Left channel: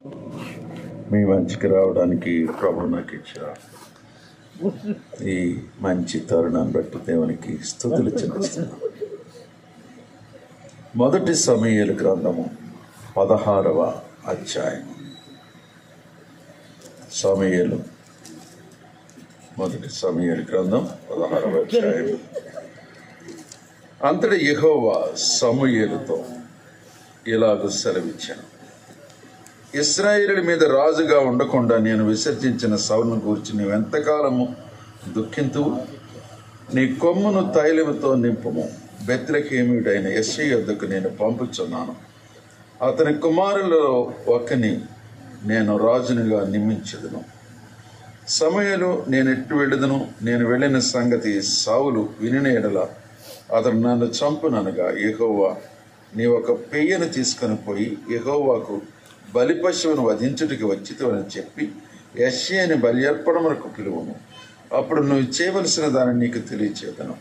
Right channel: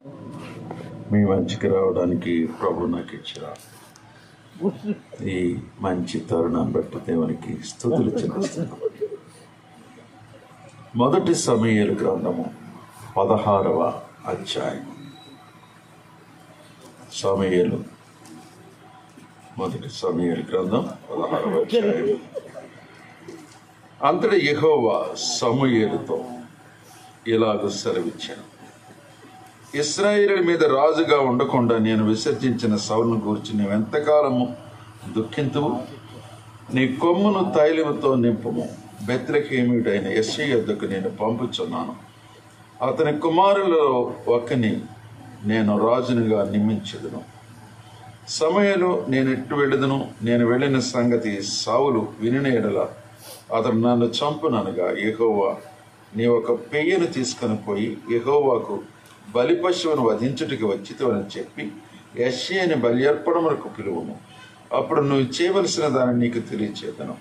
మీ మంచికి రావడానికి ప్రభు నాకు ఇచ్చిన ఈ మంచి తరుణాన్ని బట్టి దేవునికి స్తుతులు చెల్లిస్తున్నాను. మొదటి సమూయేలు గ్రంథము 16వ అధ్యాయం. మొదటి సమూయేలు గ్రంథం 16వ అధ్యాయం. అంతటి యెహోవా సమూయేలుతో ఇలాగ సెలవిచ్చాను, ఇశ్రాయేలు మీద రాజుగా ఉండకుండా నేను విసర్జించిన సౌలును గూర్చి నీవెంతకాలము దుఃఖింతువు? నీ కొమ్మును తైలముతో నింపుము. బెత్లెహేమీయుడైన యెష్షయి యొద్దకు నేను పంపుచున్నాను. అతని కుమారులలో ఒకని నేను రాజునిగా నియమించెదను. సమూయేలు నేను ఎట్టు వెళ్ళదును? నేను వెళ్ళిన సంగతి సౌలు వినిన యెడల అతడు నన్ను చంపుననగా, యెహోవా నీ ఒక పెయ్యను తీసుకొని పోయి యెహోవాకు బలి పశువును వధించుటికి వచ్చితోనని చెప్పి యెష్షయిని బలి అర్పణములకు పిలువము. అప్పుడు నువ్వు చేయవలసిన దాన్ని నీకు తెలియచేదను.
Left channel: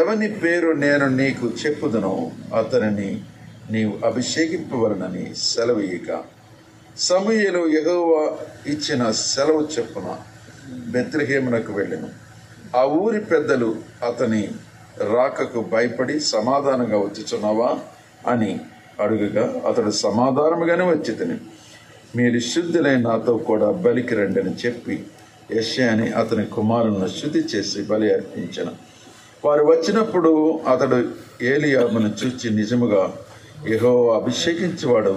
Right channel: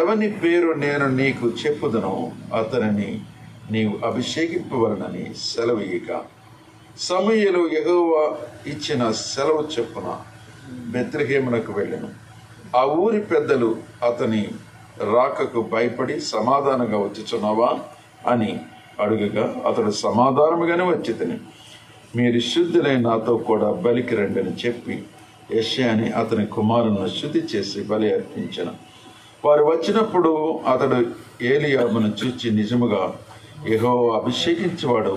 ఎవని పేరు నేను నీకు చెప్పుదనో అతనిని నీవు అభిషేకింపవలనని సెలవీయగా, సమూయేలు యెహోవా ఇచ్చిన సెలవు చొప్పున బెత్లెహేమునకు వెళ్ళెను. ఆ ఊరి పెద్దలు అతని రాకకు భయపడి సమాధానంగా వచ్చుచున్నావా అని అడుగగా, అతడు సమాధానముగానే వచ్చితిని, మీరు శుద్ధులైన నాతో కూడా బలికి రండి అని చెప్పి యెష్షయిని అతని కుమారులను శుద్ధి చేసి బలి అర్పించెను. వారు వచ్చినప్పుడు అతడు ఏలీయాబును చూచి, నిజముగా యెహోవా అభిషేకించేవాడు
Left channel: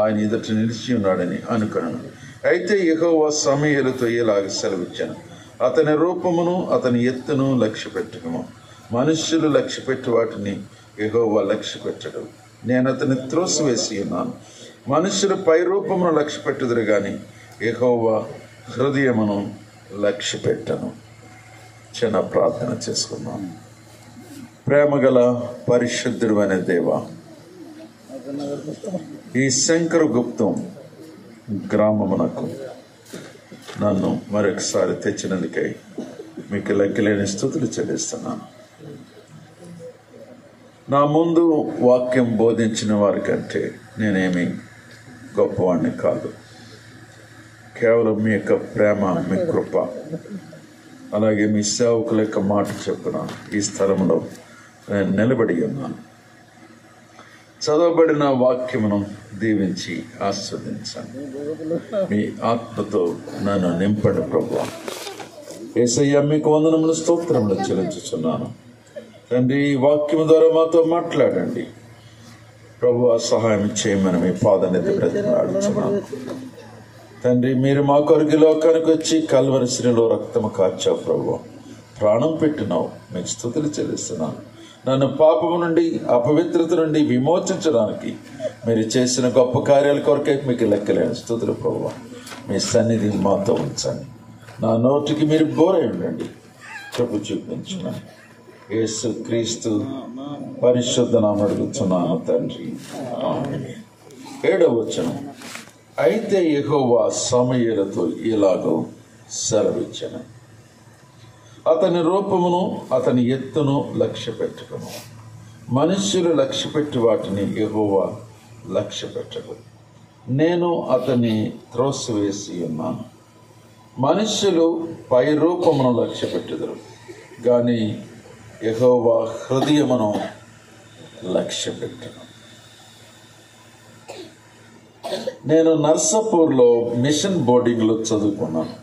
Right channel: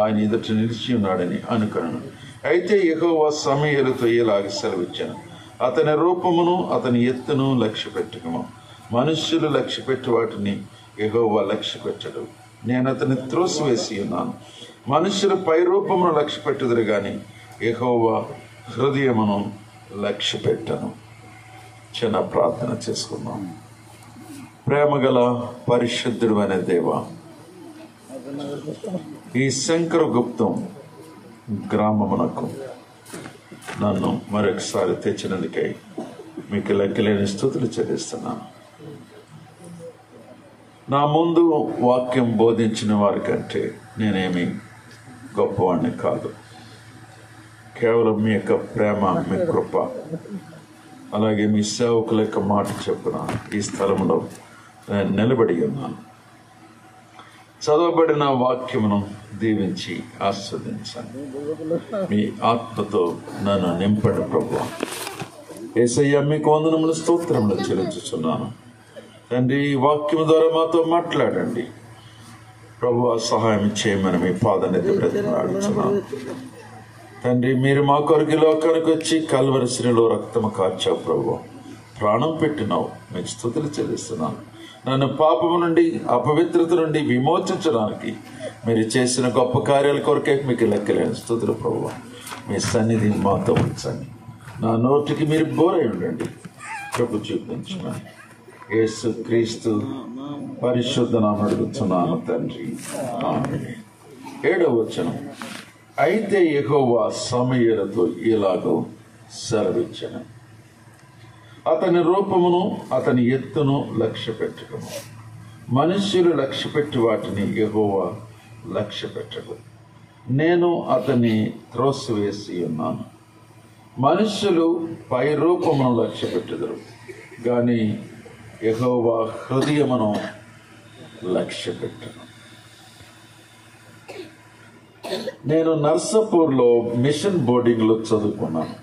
ఆయన ఎదుట నిలిచి ఉన్నాడని అనుకొనెను. అయితే యెహోవా సమూయేలుతో ఇలాగ సెలవిచ్చాను, అతని రూపమును అతని ఎత్తును లక్ష్య పెట్టుకుము. మనుష్యులు లక్ష్య పెట్టి వాటిని యెహోవా లక్ష్య పెట్టడు. నేను అతన్ని త్రోసివేసి ఉన్నాను. మనుషులు పై రూపమును లక్ష్య పెట్టుదురు గాని యెహోవా హృదయమును లక్ష్య పెట్టను. చిన్న ప్రార్థన చేసుకుందాం. ప్రేమగల పరిశుద్ధుడు అనే దేవా, ఈ శంకరగుప్తం గ్రామమునకు నన్ను మరొకసారి తెచ్చినందుకై మీకు లెక్కలేని స్తుతులు చెల్లిస్తున్నాను. నా ముందు వాక్యం బోధించిన వారి కంటే నేనేమి గొప్పవాడిని కాదు. కేవలం మీ యొక్క ప్రేమ, మీ కృప, అలాగే మీ సేవకుల యొక్క మాట చొప్పున ఈ స్థలంలో నేను నిలబడి ఉన్నాను. చదవబడిన వాక్యమును దీవించి ఆస్వాదించండి. మీ ఆత్మతో నన్ను నింపండి ప్రభువా. యేసయ్య మీకు వందనములు, స్తోత్రములు చెల్లించుచున్నాను. తండ్రి, ఈ వాక్యం ద్వారా మాతో మాట్లాడండి ప్రభువా. సహాయం చేయమని మీ పాదాన్ని బ్రతిమలాడుచున్నాను తండ్రి. మీరు మా కొరకు లోకానికి వచ్చి కల్వరి శ్రీలో రక్తము కార్చావు ప్రభువా, ప్రాణం పెట్టినావు. మీకు స్తుతులు చెల్లిస్తున్నాను. నన్ను పాపము నుండి, అపవిత్రత నుండి విమోచించడానికి మీరు చేసిన గొప్ప కార్యాల కొరకే మీకు లెక్కలేని స్తుతులు ప్రభువా. మీ సన్నిధి మాతో ఉంచండి. నా నోటికి మీరు బోరై ఉండండి. ప్రభు చూపించమని యేసు క్రీస్తు పరిశుద్ధ నామమున అడుగుచున్నాను తండ్రి, ఆమేన్. 7వ వచనం. అయితే యెహోవా సమూయేలుతో ఇలాగో సెలవిచ్చెను, అతని రూపమును అతని ఎత్తును లక్ష్య పెట్టుకును. మనుష్యులు లక్ష్యపెట్టి వాటిని యెహోవా లక్ష్య పెట్టడు. నేను అతన్ని త్రోసివేసి ఉన్నాను. మనుష్యులు పై రూపమును లక్ష్య పెట్టుదురు గాని యెహోవా హృదయమును లక్ష్య పెట్టను. నేను నర్సాపూర్లో మిషన్ బోర్డింగ్లో చదువుకున్నాను.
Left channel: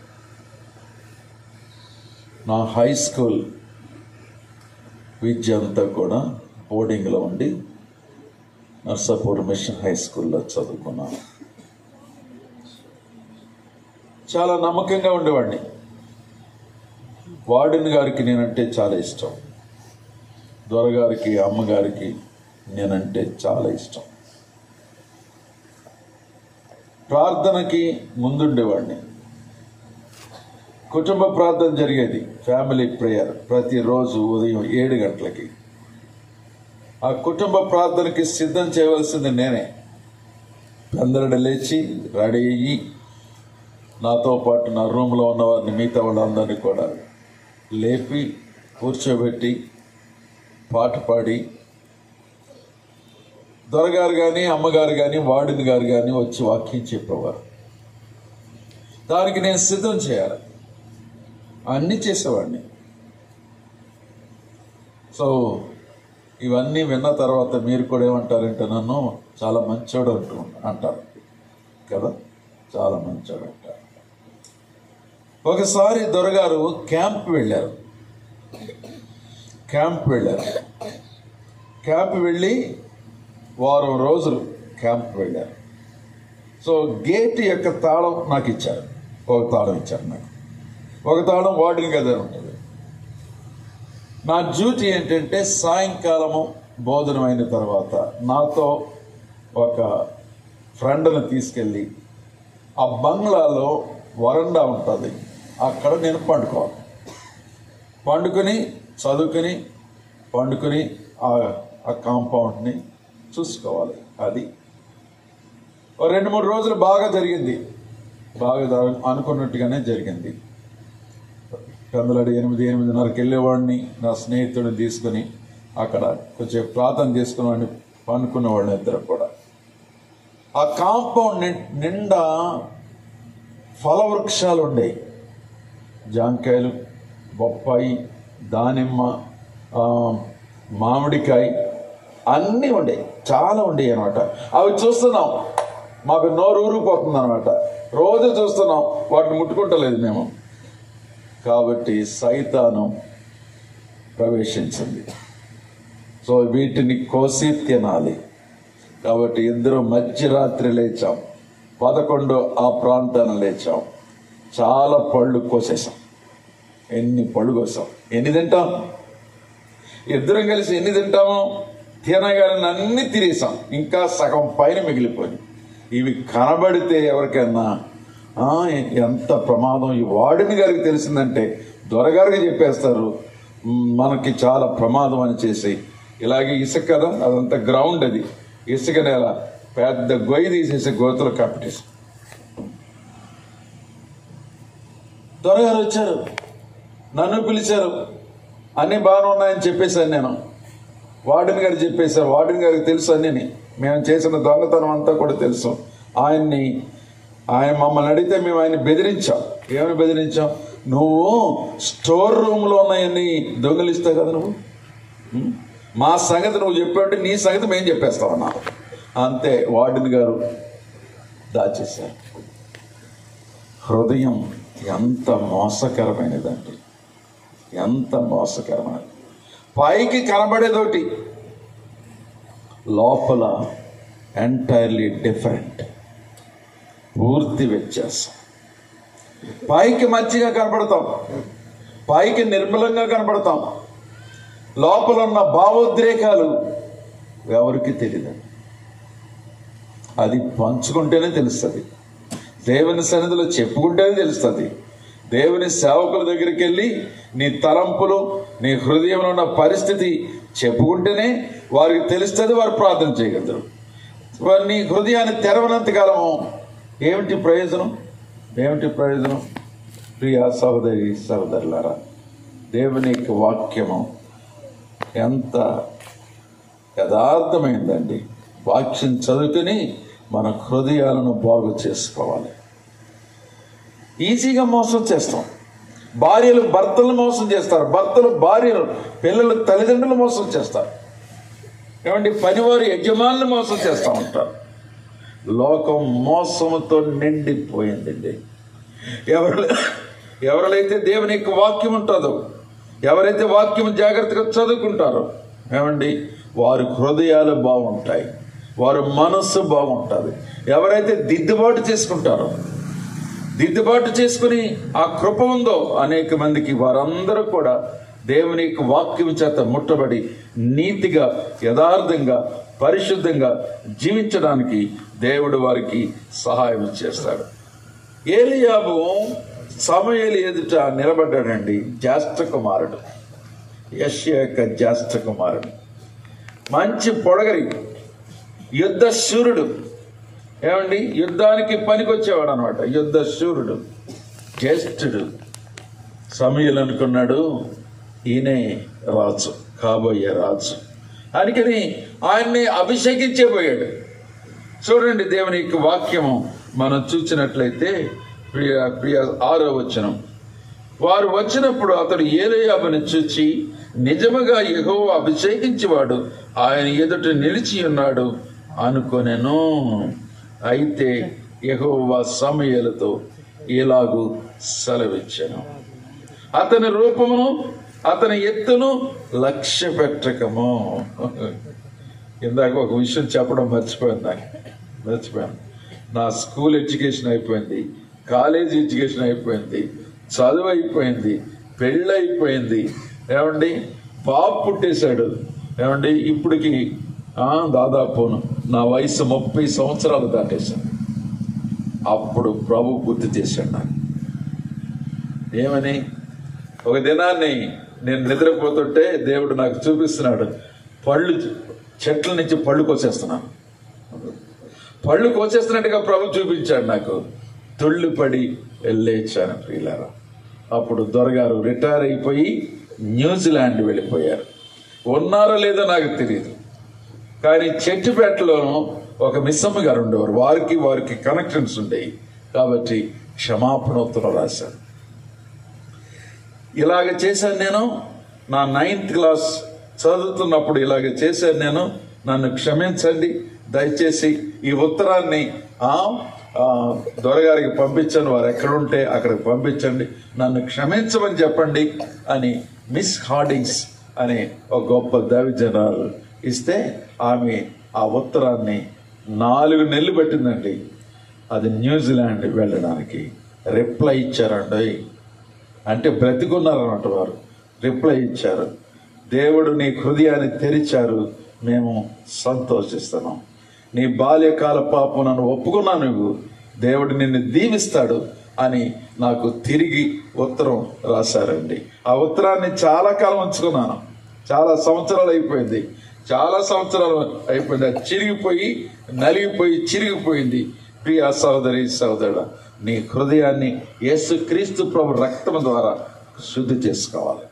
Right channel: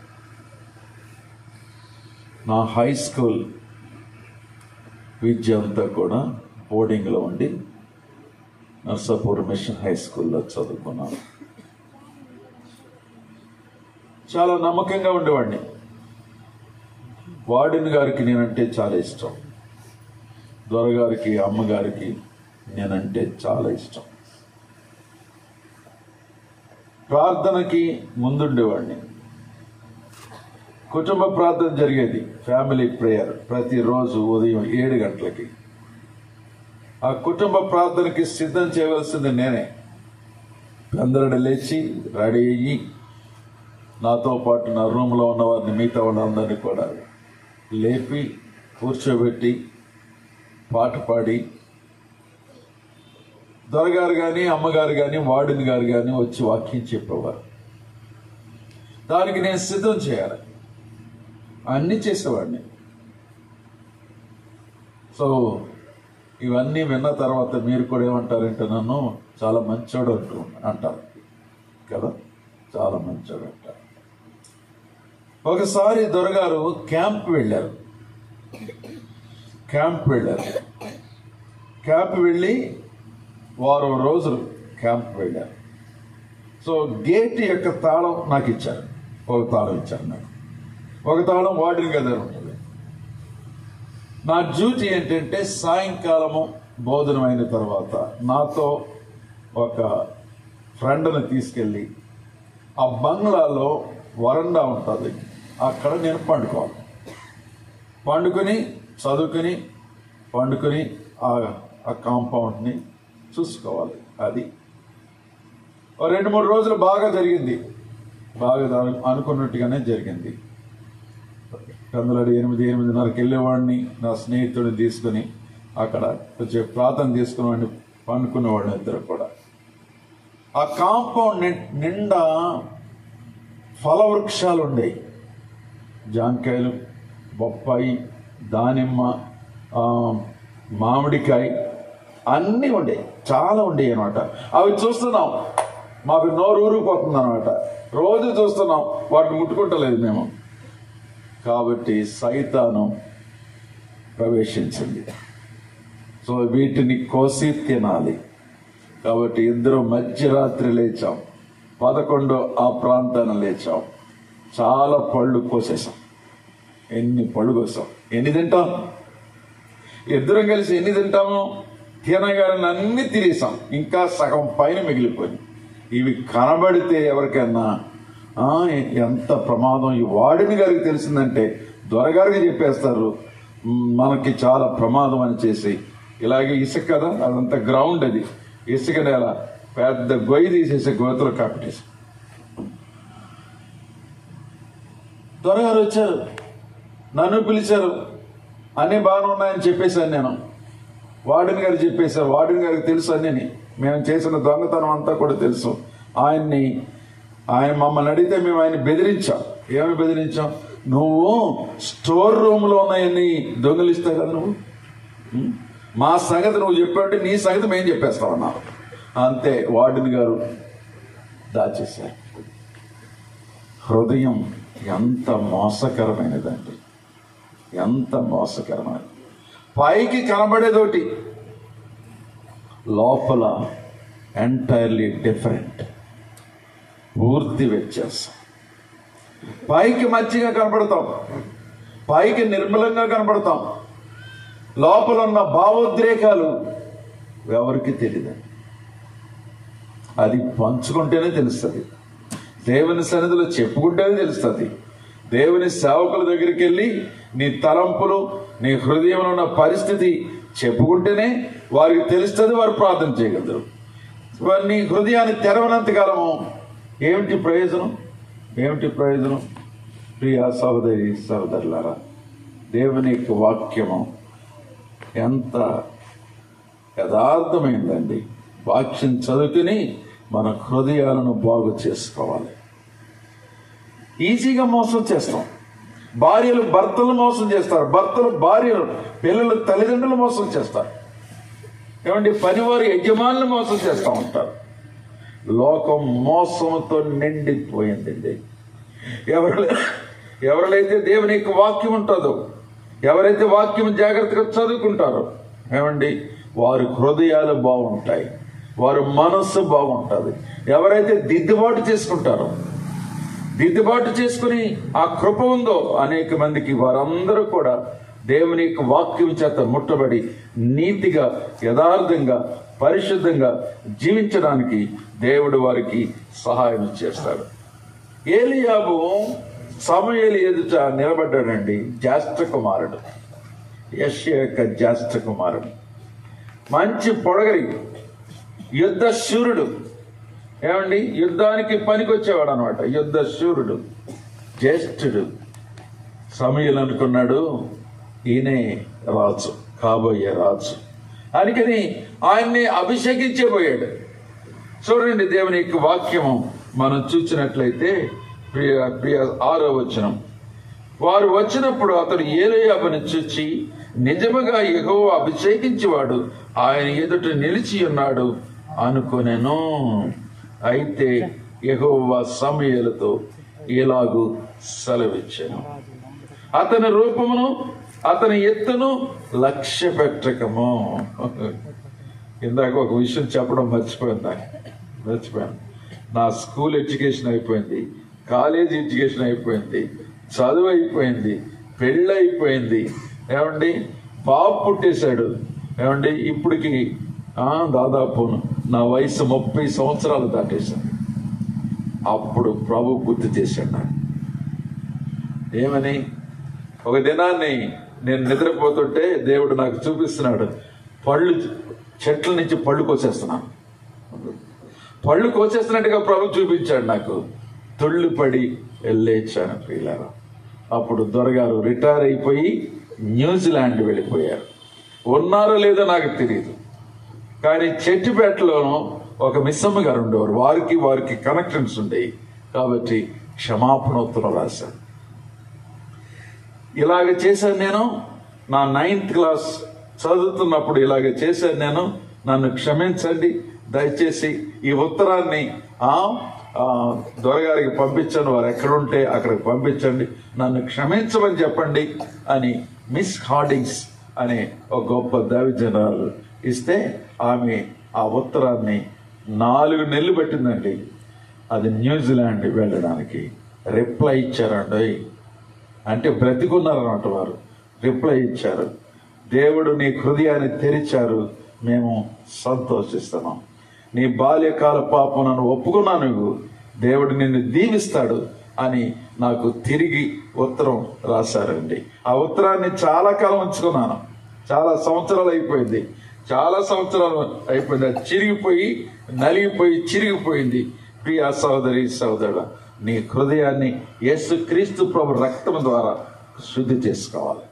నా హై స్కూల్ విద్య అంతా కూడా బోర్డింగ్లో ఉండి నర్సాపూర్ మిషన్ హై స్కూల్లో చదువుకున్నాను. చాలా నమ్మకంగా ఉండేవాడిని. వార్డెన్ గారికి నేనంటే చాలా ఇష్టం. దొరగారికి, అమ్మగారికి నేనంటే చాలా ఇష్టం. ప్రార్థనకి ముందుండేవాడిని. కుటుంబ ప్రార్థన జరిగేది, ఫ్యామిలీ ప్రేయర్, ప్రతిరోజు ఉదయం 7 గంటలకి. ఆ కుటుంబ ప్రార్థనకి సిద్ధం చేయవలసింది నేనే. అందరూ లేచి రెడీ అయ్యి నాతో పాటు నా రూమ్లో ఉన్న వారిని, మిగతా వాళ్ళందరినీ కూడా లేపి కూర్చోబెట్టి పాట పాడి దొరగారు కానీ అమ్మగారు కానీ వార్డెన్ గారు కానీ వచ్చి వాక్యం చెప్పేవారు. దానికి నేను సిద్ధం చేయాలి, అన్నీ చేసేవాడిని. సో ఇవన్నీ విన్న తర్వాత మీరు కూడా ఏమంటారంటే నన్ను చాలా మంచోడు అంటారు కదా, చాలా మంచోడు అంటారు. ఒకసారి దొరగారు క్యాంప్ వెళ్ళారు. క్యాంప్ వెళ్ళి వారం రోజులు క్యాంప్ వెళ్ళారు. సో గేట్ యొక్క తాళం నాకు ఇచ్చారు, ఒక తాళం ఇచ్చారు నాకు, ఒక తాళం వార్డెన్ గది ఉంటుంది. నా డ్యూటీ ఏంటంటే సాయంకాలము భోజనం అయిన తర్వాత నాతో ఒక ఫ్రెండ్ని తీసుకెళ్ళి ఆ బంగ్లాలో వరండా ఉంటుంది, అక్కడ నేను పండుకొని చదువుకుని ఆ కాంపౌండ్ని చూసుకోవాలి. అది 2-3 రోజులు బాగా జరిగింది, బాగా అనుకున్నట్టుగానే జరిగింది. కందులడి 8-8:30కి వెళ్ళేవాడిని, నా స్నేహితుడిని తీసుకుని అక్కడ కొంచెం ప్రార్థన చేసుకునే వాడిని, పండుకునేవాడిని ఇద్దరు కూడా. ఆ కాంపౌండ్ నిండా ఫల వృక్షాలు ఉండేవి, జాంకాయలు, బొప్పాయి, దానిమ్మ, మామిడికాయ అన్నీ ఉండేవి, చాలా ఉండేవి అనమాట. అవి చూస్తున్నాం, మాకు నోరు ఊరిపోతుంది అనమాట. రోజు చూస్తున్నాం, వాటిని ముట్టుకుంటలేదు మేము. కాబట్టి సైతాను ప్రవేశించింది. సో వీటిని కోసి తినాలి. కాబట్టి ఇద్దరు మధ్యరాత్రి లేచాం, 11 ఆ ప్రాంతాన్ని లేచాం, చాలా పళ్ళు కోసేసాం. ఎన్ని పళ్ళు కోసాం, ఎన్ని తింటాం? ఇద్దరం కలిసి ఎన్ని తింటామో తినగానే అన్ని తినేసాం, ఇంకా సగం పైన మిగిలిపోయింది. ఇవి కనబడితే ఎవరికైనా ఎంత ప్రమాదం, ఈ వార్డెన్ గారికి తెలిసిందంటే దొరగారికి చెప్పేస్తారు మనకి చాలా ప్రమాదం అని చేసి. ఇలాగే ఇసుక కదా, అదంతా గ్రౌండ్, అది ఇసుక నేల, పెద్ద గొయ్యి తీసేసి గోతులు కట్టేసి. దొరగారు వచ్చారు, నన్ను పిలిచారు, అన్నీ బాగానే ఉన్నాయని చెప్పేశాను నేను. వార్డెన్ గారు చెప్పేశారు, వార్డెన్ గారికి తెలుసు అన్నీ, మేము చేసిన దొంగతనం అంతా కూడా తెలుసు. ఆయన మమ్మల్ని అడిగితే మేము ఆయన బెదిరించాం. ఏమని బెదిరించాం? నువ్వు స్టోర్ రూమ్లో ఉన్నాయని దొంగిలిస్తావు కదా నువ్వు, మా సంగతి నువ్వు చెప్పావంటే నీ సంగతి మేము చెప్పేస్తామన్నారు. అంతే, వార్డెన్ గారు దాచేశారు. హృదయం ఎంత మోసకరమైనదండి, ఎంత మోసకరమైనది. పైకి కనబడేదోటి, లోపల ఎంటైర్లీ డిఫరెంట్, పూర్తి వ్యత్యాసం. పైకి మంచిగా కనబడతాం, పైకి నిర్మలంగా కనబడతాం, లోపల ఉన్న భావోద్రేకాలు ఎవరికి తెలియదు. అది పంచుకుంటేనే తెలుస్తుంది, దేవుని సన్నిధిలో చెప్పుకుంటేనే తెలుస్తుంది. దేవుని సేవకుల దగ్గరికి వెళ్ళి నీ తలంపులు, నీ హృదయంలో ఉన్న పరిస్థితి చెప్పుకుంటేనే వారికి తెలుస్తుంది, వారు ప్రార్థన చేయగలరు. నీ హృదయాన్ని తెరవనంతకాలము ఏమిటి ప్రయోజనం? ప్రియ సహోదరి సహోదరులారా, దేవుని యొక్క వాక్యము ఎంత యథార్థమైందండి. వాక్యం చదువుకుని మన హృదయాలను బాగు చేసుకోవాలి. ఈజీగా మోసం చేస్తాం. భార్యలు భర్తలు మోసం చేస్తారు, భర్తలు భార్యలు, పిల్లలు తల్లిదండ్రులు మోసం చేస్తారు. ఏమండి, పనివారు యజమానులు మోసం చేస్తూ ఉంటారు. లోకం మోసంతో నిండిపోయిందండి. ఎవరైతే దేవుని యొక్క వాక్యం ఉంటుందో, ఎవరైతే వాక్యం జాగ్రత్తగా చదువుకుంటారో, ఏమండి, వారి హృదయాలు బాగుంటాయి, వారి మనస్సు బాగుంటుంది. ఎవరైతే దిద్దుబాటు చేసుకుంటారో, దిద్దుబాటు చేసుకుని ఆ కృప ఉందో అనేక మందికి, వారందరూ కూడా దేవుని యొక్క వాక్యం చేత ముట్టబడి నీతిగా, యథార్థంగా, పరిశుద్ధంగా జీవించడానికి దేవుడు వారికి సహాయం చేస్తాడు. ఏలీయాబు సమూయేలు ఎదుట నిలబడ్డాడండి. జ్యేష్ఠ కుమారుడు, యెషయా యొక్క జ్యేష్ఠ కుమారుడు, మంచి పొడగరి, యుద్ధ శూరుడు. ఏమండి, యుద్ధానికి పనికొచ్చేవాడు అనమాట, యుద్ధ శూరుడు, జ్యేష్ఠుడు. సమూయేలు అనుకున్నాడు ఈయనే రాజు, కాబోయే రాజు. అందుకని ఆయన్ని అభిషేకించబోయాడు. చూడండి దేవుని యొక్క వాక్యము మనం చూసినట్లయితే ప్రియ 6వ వచనం, వారు వచ్చినప్పుడు అతడు ఏలీయాబును చూచి నిజముగా యెహోవా అభిషేకించేవాడు ఆయన ఎదుట నిలిచి ఉన్నాడు అనుకొనెను. అయితే యెహోవా సమూయేలుతో ఇలాగు సెలవిచ్చెను, అతని రూపమును అతని ఎత్తును లక్ష్య పెట్టకము. ఇందాక ఒక విషయం చెప్పడం మర్చిపోయాను. నా స్కూల్ ఎడ్యుకేషన్ అయిపోయింది, కాలేజ్ ఎడ్యుకేషన్ అయిపోయింది, చదువు అయిపోయింది, పెళ్ళి అయిపోయింది. ఏమండి, బాబు పుట్టేశాడు. ఏమండి, ఇప్పటికి దాదాపు నా వయసు 30 సంవత్సరాలు దాటేశాను. అప్పుడు ప్రభు గుర్తు చేశాడు నాకు. ఏమని? ఒక దినాన్ని నేను నిద్రపోతుంటే దేవుడు నాకు చూపిస్తున్నాడు, చెట్ల నుంచి పళ్ళు కోసేస్తున్నాను. పళ్ళు కోసేస్తున్నట్టుగా ప్రభు చూపించాడు నాకు. తుళ్ళిపడి లేచాను ప్రియులారా. అప్పుడు దొరగారు రిటైర్ అయిపోయి న్యూజిలాండ్ వెళ్ళిపోయారు. ఉన్నారో లేదో నాకు తెలియదు, కానీ చెట్టుపేటలోనూ ఒక మిస్సమ్మ గారు ఉండేవారు. వారికి కనెక్షన్స్ ఉండేవి కాబట్టి క్షమాపణోత్తరం రాశాను. ఇలాగ చేశాను నేను. నా 9th క్లాస్ చదువుతున్నప్పుడు ఇలాగ చేశాను నేను. నన్ను క్షమించండి దయచేసి. ఈ ఉత్తరాన్ని దొరగారికి పంపించాను. వారు ఎక్కడుంటే అక్కడికి పంపించండి, నన్ను క్షమించమని చెప్పండి అని మిస్ హార్డింగ్స్ అనే ఒక గొప్ప దైవజనురాలు ఇస్తే ఆమె ఆ ఉత్తరాన్ని 4 నెలలు పట్టిందండి అది న్యూజిలాండ్ వెళ్ళడానికి. రిప్లై ఇచ్చారండి. అంటే బ్రతికున్నారన్నమాట వారు. రిప్లై ఇచ్చారు, దేవుడు నీ హృదయాన్ని తెరిచారు, మేము సంతోషిస్తున్నాం. నీ బాల్యకాల పాపం నన్ను ఒప్పుకున్నాను, నువ్వు దేవుడు నిన్ను దీవిస్తాడు అని నాకు తిరిగి ఉత్తరం రాశారండి. ఆ ఉత్తరాన్ని చాలా కాలం ఉంచుకున్నాను. చాలా సంవత్సరాలు అయిపోయింది. అది చిరిగిపోయి నలిగిపోయి చిరిగిపోయింది. ప్రియ సహోదరి సహోదరుడా, నీ హృదయాన్ని యేసుక్రీస్తు ప్రభు రక్తం ద్వారా శుద్ధి చేసుకోవాలి.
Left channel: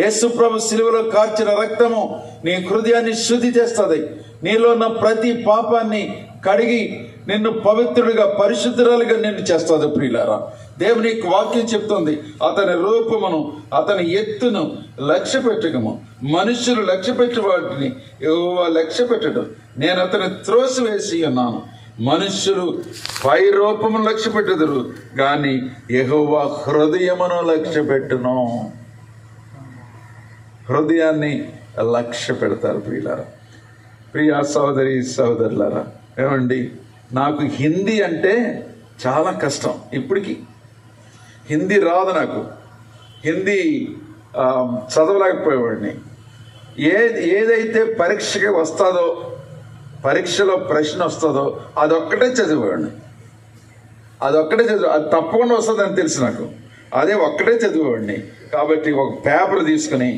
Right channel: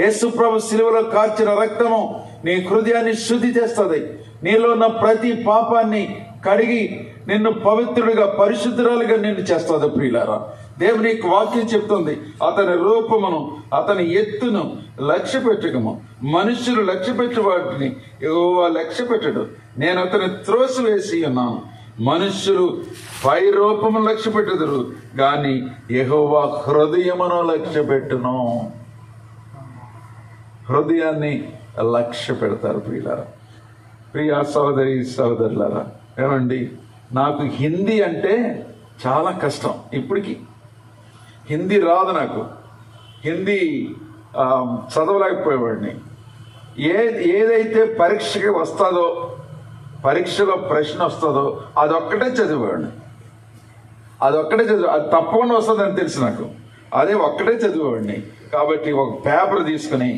యేసు ప్రభు శిలువలో కార్చిన రక్తము నీ హృదయాన్ని శుద్ధి చేస్తుంది. నీలో ఉన్న ప్రతి పాపాన్ని కడిగి నిన్ను పవిత్రుడిగా పరిశుద్ధురాలుగా నిన్ను చేస్తుంది. ప్రియులారా, దేవుని వాక్యం చెప్తుంది, అతని రూపమును అతని ఎత్తును లక్ష్య పెట్టకము. మనుషులు లక్ష్య పెట్టి వాటిని యెహోవా లక్ష్య పెట్టడు. నేను అతని త్రోసివేసి ఉన్నాను. మనుష్యులు పై రూపమును లక్ష్య పెట్టుదురు గాని యెహోవా హృదయమును లక్ష్య పెట్టును. హృదయాన్ని లక్ష్య పెడతారు ప్రియులారా. ప్రియ సహోదరి సహోదరులారా, ఏమండి, నాకు హిందీ అంటే చాలా కష్టం. ఇప్పటికీ హిందీ రాదు నాకు. హిందీ చదవలేకపోయేవాడిని. ఏదైతే పరీక్షకి వస్తుందో, పరీక్షలో ప్రశ్న వస్తుందో అదొక్కటే చదివేవాడిని. అది తప్పకుండా వస్తుందని తెలుసు నాకు. అదే ఒక్కటే చదివేవాడిని. కాబట్టి ఒక పేపర్ తీసుకుని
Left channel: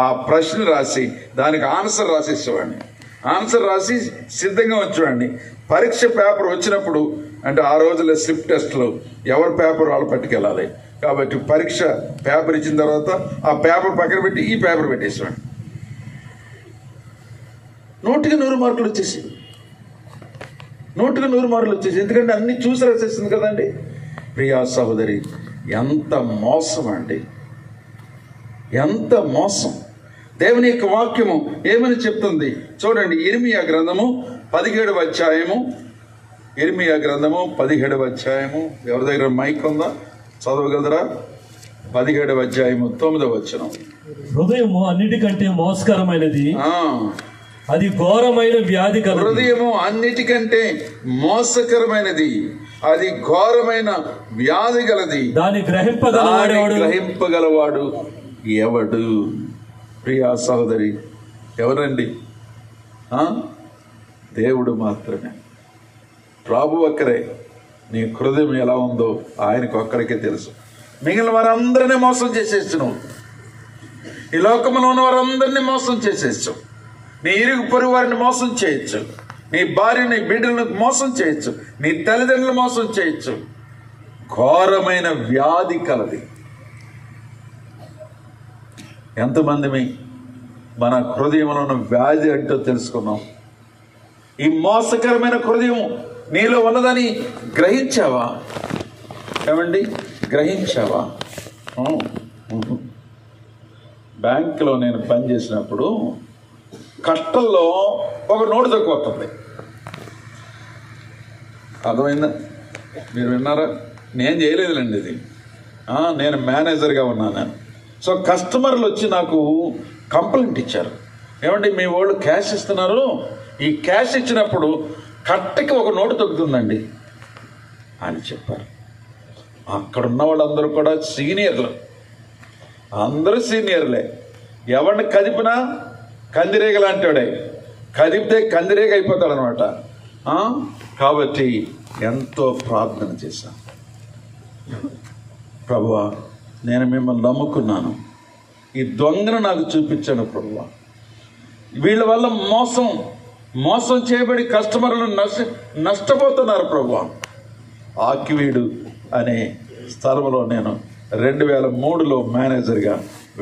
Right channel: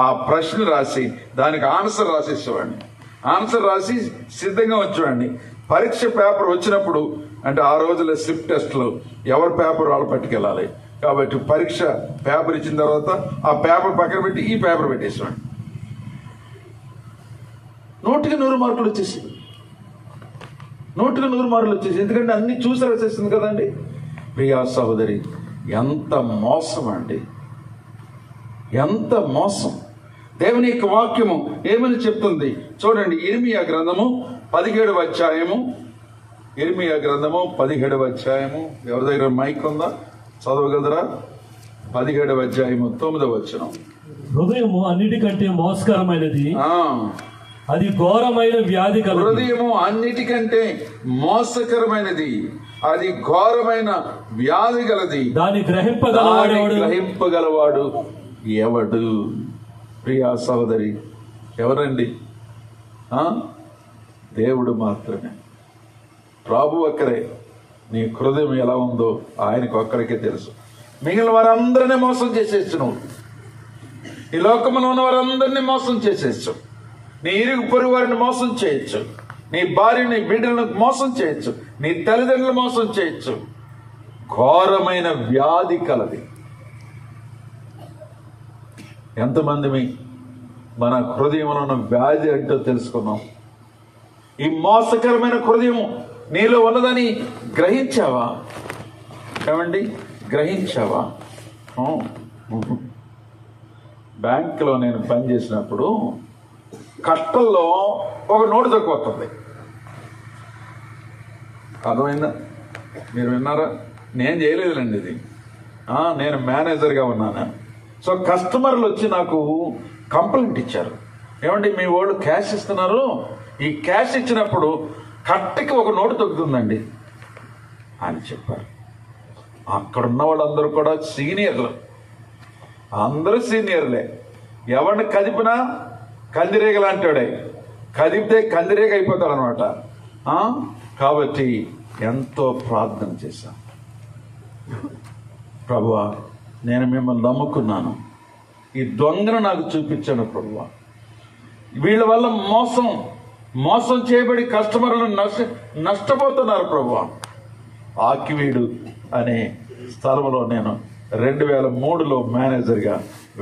ఆ ప్రశ్న రాసి దానికి ఆన్సర్ రాసిచ్చేవాడిని. ఆన్సర్ రాసి సిద్ధంగా వచ్చేవాడిని. పరీక్ష పేపర్ వచ్చినప్పుడు, అంటే ఆ రోజుల్లో స్లిప్ టెస్ట్లో ఎవరి పేపర్ వాళ్ళు పట్టుకెళ్ళాలి కాబట్టి పరీక్ష పేపర్ ఇచ్చిన తర్వాత ఆ పేపర్ పక్కన పెట్టి ఈ పేపర్ పెట్టేసేవాడిని. 100కి 100 మార్కులు వచ్చేసి 100కి 100 మార్కులు వచ్చేసి ఎందుకంటే అన్ని చూసి రాసేస్తుంది కదండి. ప్రియా సహోదరి, ఎంత మోసం అండి, ఎంత మోసం. దేవుని యొక్క వాక్యము ఏమని చెప్తుంది చూడండి. ఇర్మియా గ్రంథము 17వ అధ్యాయము. ఇర్మియా గ్రంథము 17వ అధ్యాయము. ఎవరి దగ్గర మైక్ ఉందా? చదవగలరా? 17వ అధ్యాయము 9వ వచనం. హృదయము అన్నిటికంటే మోసకరమైనది, అది ఘోరమైన వ్యాధి కలది. హృదయము అన్నిటికంటే మోసకరమైనది, అది ఘోరమైన వ్యాధి గలది. దాన్ని గ్రహింపగలవాడు ఎవడు? ప్రియా సహోదరి, ఎవరండి? దేవుడు మాత్రమే. ప్రభు ఒక్కరే. నీ హృదయం ఎలా ఉందో ఆయనకు ఒక్కడికే తెలుసు. మిగిలిన వారందరినీ మోసం చేసేచ్చు. నువ్వు ఈ లోకంలో ఉన్న వారందరినీ మోసం చేసేచ్చు. నీ ఇరుగు పొరుగు వారిని మోసం చేయొచ్చు. నీ భార్యని బిడ్డలను మోసం చేయొచ్చు. నీ తల్లిదండ్రులు మోసం చేయొచ్చు. ఘోరమైన వ్యాధి కలది. ఎంతమంది మన హృదయంలో ఉన్న వ్యాధి ఏంటో తెలుసుకున్నాం. ఈ మోసకరమైన హృదయం నీలో ఉన్నదని గ్రహించావా? ఏమండి, గ్రహించావా? బ్యాంకులో నేను పనిచేసినప్పుడు కట్టల్లో ఒక నోటు తక్కువ వస్తుంది. అర్థమైందా? మీరు విన్నారా? నేను చేయలేదులేండి ఇది. నేను మేనేజర్గా ఉన్నాను. సో కస్టమర్లు వచ్చి నాకు కంప్లైంట్ ఇచ్చారు. ఏమండి, మీ వాళ్ళు క్యాష్ ఇస్తున్నారు, ఈ క్యాష్ ఇచ్చినప్పుడు కట్టకి ఒక నోటు తగ్గుతుందండి అని చెప్పారు. అక్కడ ఉన్న వాళ్ళందరూ కూడా సీనియర్లు, అందరూ సీనియర్లే. ఎవరిని కదిపినా కందిరేగ లాంటివాడే, కదిపితే కందిరేగ అయిపోతాడు అనమాట. కాబట్టి ఎంతో ప్రార్థన చేశాను. ప్రభువా, నేను మిమ్మల్ని నమ్ముకున్నాను, ఈ దొంగను నాకు చూపించాను ప్రభువా. వీళ్ళ వల్ల మోసం చేయబడి కస్టమర్లు నష్టపోతున్నారు ప్రభువా. ఆకివీడు అనే స్థలంలో నేను 2003లో మేనేజర్గా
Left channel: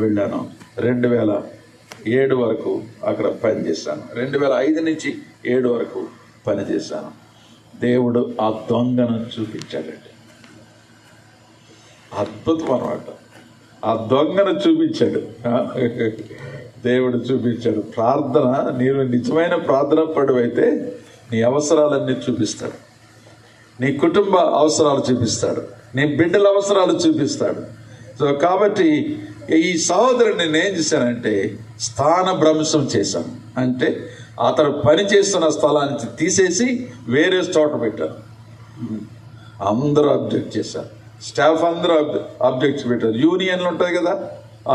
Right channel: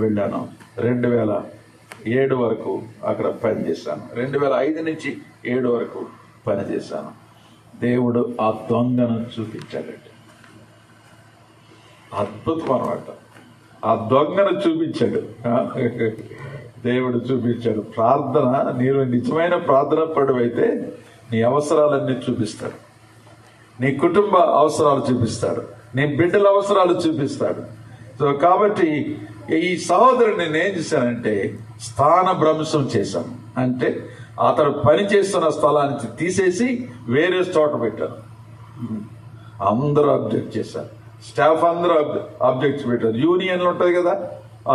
వెళ్ళాను. 2007 వరకు అక్కడ పనిచేశాను. 2005 నుంచి 7 వరకు పనిచేశాను. దేవుడు ఆ దొంగను చూపించాడండి. అద్భుతం అన్నమాట. ఆ దొంగను చూపించాడు, దేవుడు చూపించాడు. ప్రార్థన, నీవు నిజమైన ప్రార్థన పడువైతే నీ అవసరాలన్నీ చూపిస్తాడు. నీ కుటుంబ అవసరాలు చూపిస్తాడు, నీ బిడ్డల అవసరాలు చూపిస్తాడు. సో కాబట్టి ఈ సహోదరుని నేను ఏం చేశానంటే స్థానభ్రంశం చేశాను. అంటే అతడు పనిచేస్తున్న స్థలానికి తీసేసి వేరే చోట పెట్టాను. అందరూ అబ్జెక్ట్ చేశారు, స్టాఫ్ అందరూ అబ్జెక్ట్స్ పెట్టారు. యూనియన్లు ఉంటాయి కదా,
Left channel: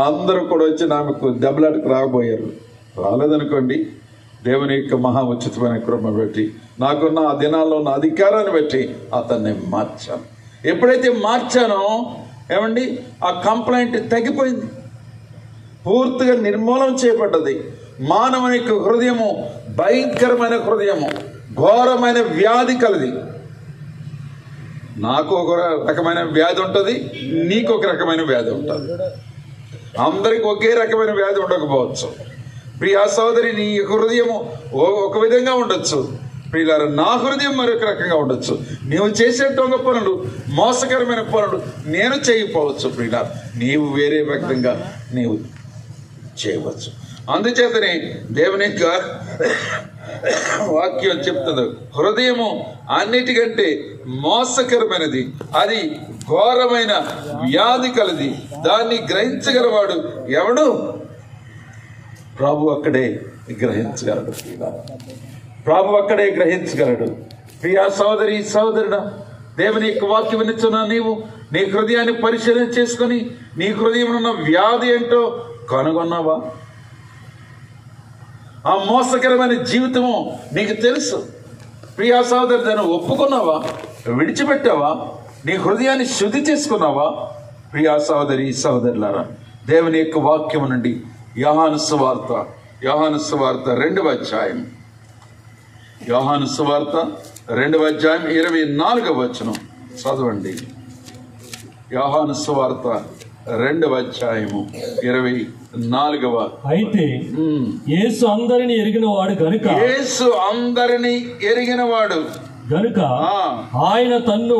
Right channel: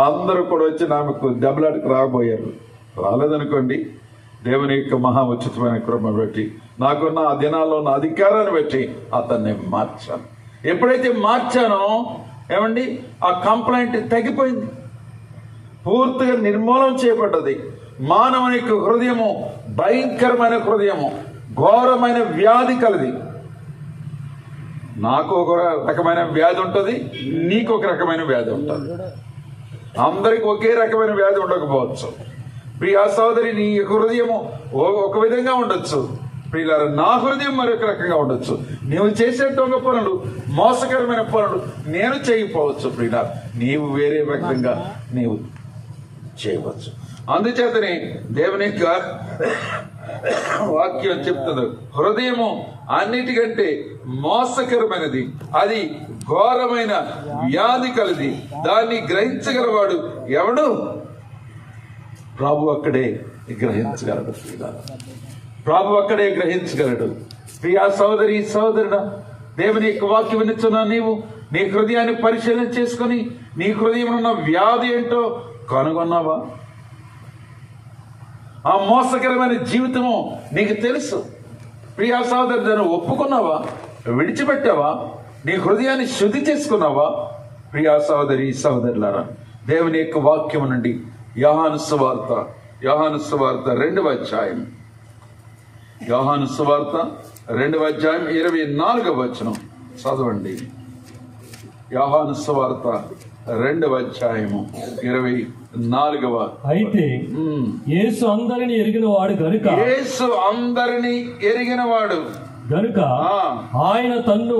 అందరూ కూడా వచ్చి నాకు దెబ్బలాటకు రాబోయారు. రాలేదనుకోండి, దేవుని యొక్క మహా ఉచితమైన కృప పెట్టి నాకున్న ఆ దినాల్లో ఉన్న అధికారాన్ని బట్టి అతన్ని మార్చాను. ఎప్పుడైతే మార్చానో ఏమండి, ఆ కంప్లైంట్ తగ్గిపోయింది, పూర్తిగా నిర్మూలన చేయబడ్డది. మానవుని యొక్క హృదయము భయంకరమైన హృదయము, ఘోరమైన వ్యాధి కలది. నాకు ఒక రకమైన వ్యాధి ఉంటుంది, నీకు ఒక రకమైన వ్యాధి ఉంటుంది. అందరికి ఒకే రకమైన వ్యాధి ఉండకపోవచ్చు. ప్రియా సోదరి, నీ హృదయము ఒక విధంగా ఉండొచ్చు, ప్రియులారా నా హృదయం మరొక రకంగా ఉండొచ్చు. నీవు చేసే దొంగ పనులు, మోసకరమైన పనులు నేను చేయకపోవచ్చు. ప్రియులారా, నీవు వేరే రకంగా నీవు చేయవచ్చు. అందుచేతనే దేవుని యొక్క వాక్యం చెప్తుంది, హృదయము అన్నిటికంటే మోసకరమైనది, అది ఘోరమైన వ్యాధి కలది, దాన్ని గ్రహించగలవాడు ఎవడు? ప్రభు అక్కడే గ్రహించగలడు. ప్రభు అక్కడే గ్రహించగలడు. ప్రియా సోదరి సోదరుడా, దేవుని యొక్క వాక్యం వినిస్తున్నా నీవు నీ హృదయాన్ని పరిశీలన చేసుకుని నీ హృదయంలో ఉన్న వ్యాధి ఏంటో కనుగొన్నావా? ఆ మోసకరమైన జీవితము నీకు తెలుసు. ప్రియా సోదరి, దాన్ని ఒప్పుకున్నావా? విడిచిపెట్టావా? నీ హృదయాన్ని శుద్ధి చేసుకున్నావా? ప్రియా సోదరి సోదరులారా, దేవుని యొక్క వాక్యం నుండి యోహాను సువార్త 2వ అధ్యాయం, యోహాను సువార్త 2వ అధ్యాయం 24వ వచనం చదవండి. యోహాను సువార్త 2వ అధ్యాయము 24వ. అయితే యేసు అందరిని ఎరిగినవాడు గనుక, యేసు అందరిని ఎరిగినవాడు గనుక ఆయన తన్ను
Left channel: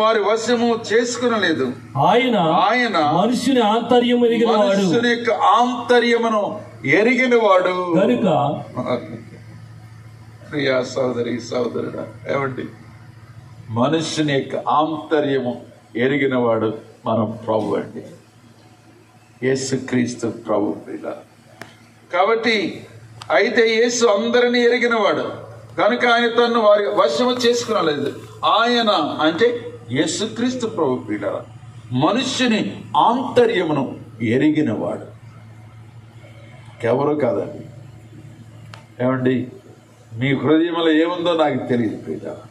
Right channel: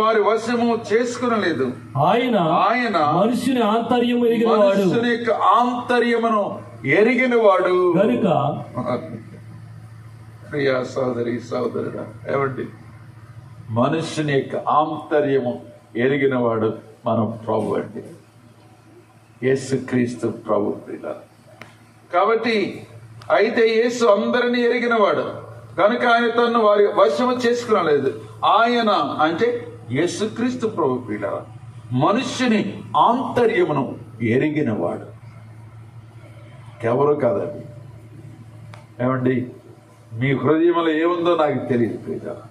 వారి వశము చేసుకునలేదు. ఆయన మనుషుని ఆంతర్యం ఎరిగినవాడు, మనుషుని యొక్క ఆంతర్యమును ఎరిగినవాడు గనుక. ప్రియా సోదరి సోదరుడా, ఏమండి, మనుషుని యొక్క ఆంతర్యము ఎరిగినవాడు మన ప్రభు అండి, యేసుక్రీస్తు ప్రభు. కాబట్టి అయితే యేసు అందరినీ ఎరిగినవాడు కనుక ఆయన తను వారి వశము చేసుకునలేదు. ఆయన అంటే యేసుక్రీస్తు ప్రభు ప్రియులారా, మనుష్యుని ఆంతర్యమును ఎరిగినవాడు, ఎవరో కాదండి. ఏమండి, మీ హృదయంలో ఏముందో నాకు తెలియదు ప్రియులారా,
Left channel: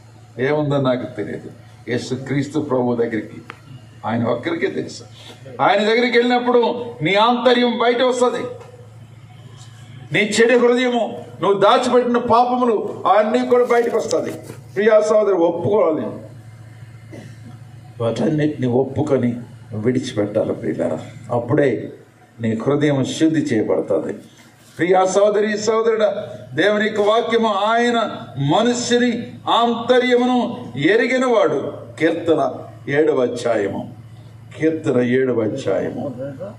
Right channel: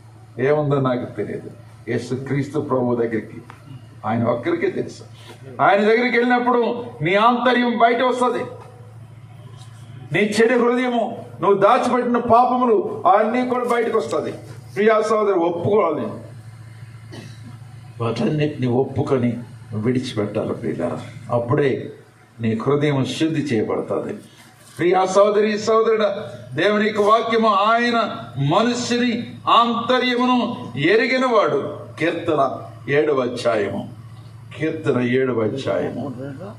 ఏముందో నాకు తెలియదు. యేసుక్రీస్తు ప్రభు దగ్గరికి ఆయన ఒక్కరికే తెలుసు. ఆయన దగ్గరికి వెళ్ళినప్పుడు నీ ఆంతర్యం బయట వస్తుంది. నీ చెడు హృదయము, నువ్వు దాచిపెట్టిన పాపములు అన్నీ కూడా బయటకు వస్తుంది. ప్రియా సోదరు, ఒప్పుకోవాలి, వాటన్నిటిని ఒప్పుకొని విడిచిపెట్టాలి ప్రియులారా. అప్పుడే నీ హృదయం శుద్ధి చేయబడుతుంది. ప్రియా సోదరి సోదరుడా, దేవుని యొక్క వాక్యము ఆయన మనుష్యుని ఆంతర్యమును ఎరిగినవాడు. కీర్తన 7వ అధ్యాయము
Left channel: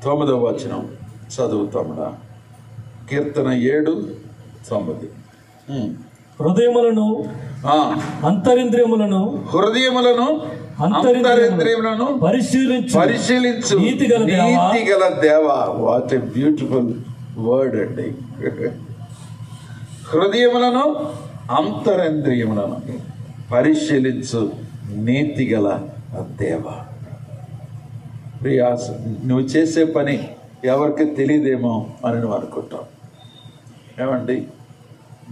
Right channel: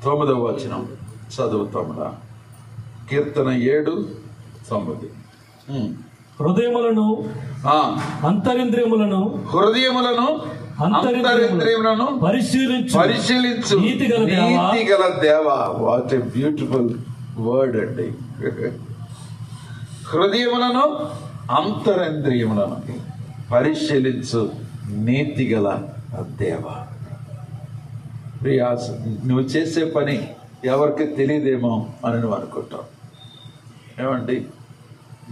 9వ వచనం చదువుతాముడా. కీర్తన 7:9. హృదయములను అంతరింద్రియములను పరిశీలించు నీతిగల దేవా. వాట్ ఏ బ్యూటిఫుల్ వర్డ్ అండి. హృదయములను అంతరింద్రియములను పరిశీలించు నీతిగల దేవా. ప్రియా, నువ్వు చేసే పని ఎవరికి తెలియదేమో అని నువ్వు అనుకుంటావు. ఏమండి,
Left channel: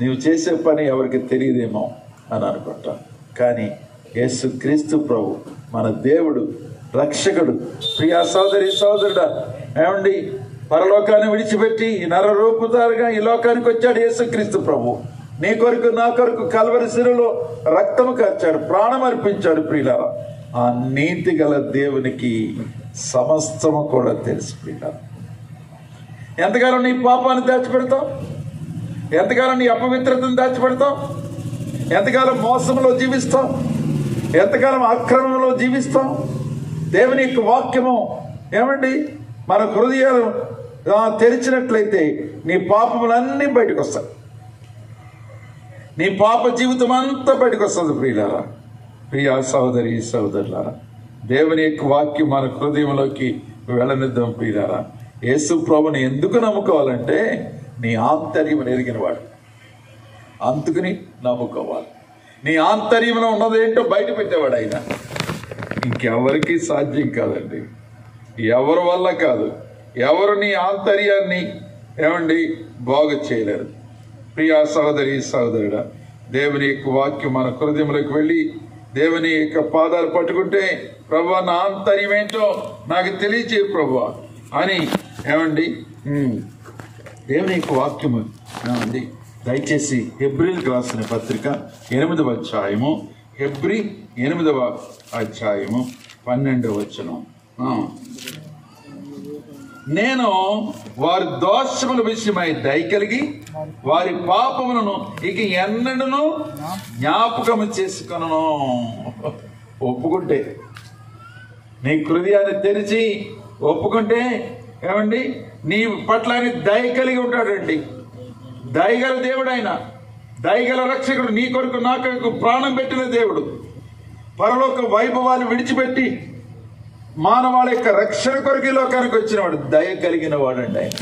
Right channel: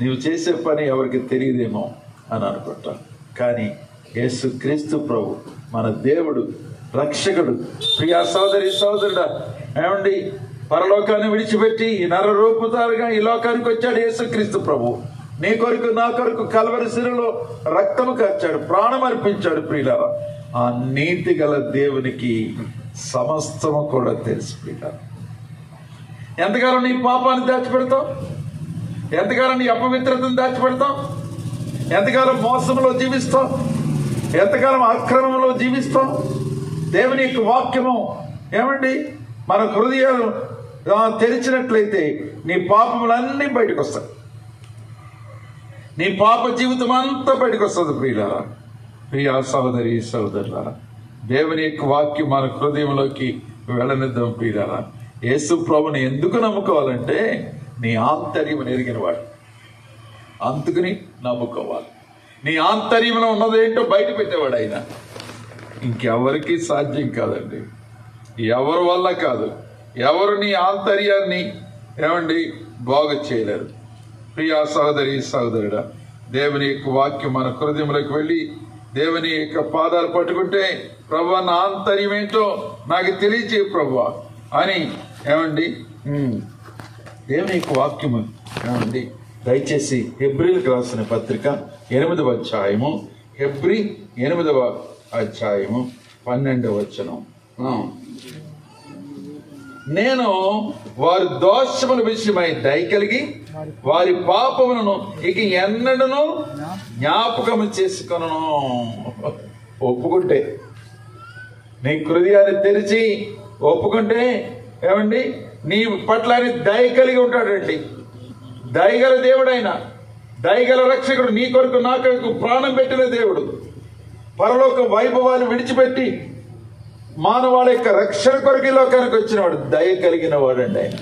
నువ్వు చేసే పని ఎవరికి తెలియదేమో అని అనుకుంటావు. కానీ యేసుక్రీస్తు ప్రభు మన దేవుడు, రక్షకుడు. ప్రియా సోదరి సోదరుడా, ఏమండి, పరలోకాన్ని విడిచిపెట్టి ఈ నరరూపుతారుగా ఈ లోకానికి వచ్చాడు యేసుక్రీస్తు ప్రభు. నీ కొరకు నా కొరకు కల్వరి శిలువలో రక్తము కార్చాడు, ప్రాణం అర్పించాడు. ప్రియులారా, ఆ నీతి గల దేవునికి సమస్తము కూడా తెలుసు. ప్రియులారా, ఎంతకాలం నీ పాపాన్ని దాచిపెడతావు? ఎంతకాలం నీ అపవిత్రతను దాచిపెడతావు? ఎంతకాలం మోసంలో జీవిస్తావు? ఎంతకాలం అక్రమంలో జీవిస్తావు? దేవుని యొక్క వాక్యము ఏమండి మన హృదయాలు తెరిచినట్లయితే నీ పాపములన్నీ బయటకు వస్తాయి. నీ పాప జీవితం అంతా బయటకు వస్తుంది. ప్రియులారా, ప్రియా సహోదరి సహోదరులారా, దేవుని యొక్క వాక్యం మన హృదయంలోకి వెళ్ళనిద్దాం. ప్రియులారా, యేసు ప్రభుని ఎందుకు నమ్ముకోవాలంటే నీ ఆంతర్యం ఎరిగిన వాడు, అందుకని నమ్ముకోవాలి. నీ ఆంతర్యంలో ఉన్నదేంటో బయట పెట్టేవాడు ఆయన. ఇంకెవరికి సాధ్యం కాదండి, ఎవరి వల్ల కాదు. ఎవరు నీ ఆంతర్యాన్ని ఏమండి బాగు చేయలేరు. ప్రియా సహోదరి సహోదరుడా, దేవుని యొక్క వాక్యం మన హృదయంలోకి వెళ్ళి దేవుని యొక్క పాదాలు పట్టుకుంటే, ప్రభువా నా ఆంతర్యం ఏంటో నాకు తెలియజేయ ప్రభువా అని ఏమండి దేవుని యొక్క వాక్యము ఏమండి దయచేసి హెబ్రీలకు రాసిన పత్రిక 8వ అధ్యాయము, హెబ్రీ 8వ అధ్యాయము 12వ వచనం. నేను వారి దోషముల విషయమై దయ కలిగి వారి పాపములను ఇక ఎన్నడను జ్ఞాపకము చేసుకొనను. ఒప్పుకుంటే, నీ హృదయాన్ని తెరిచి ఒప్పుకుంటే ఏమండి నీ పట్ల దయ కలిగి ఉంటాడండి. దయగల దేవుడు ఆయన, దయగల రక్షకుడు. నీ కొరకు నా కొరకు ప్రాణం పెట్టిన దేవుడు. పరలోక వైభవాన్ని విడిచిపెట్టి మానవాళి యొక్క రక్షణ కొరకు లోకానికి వచ్చినవాడు, దయ కలిగిన వాడండి ఆయన.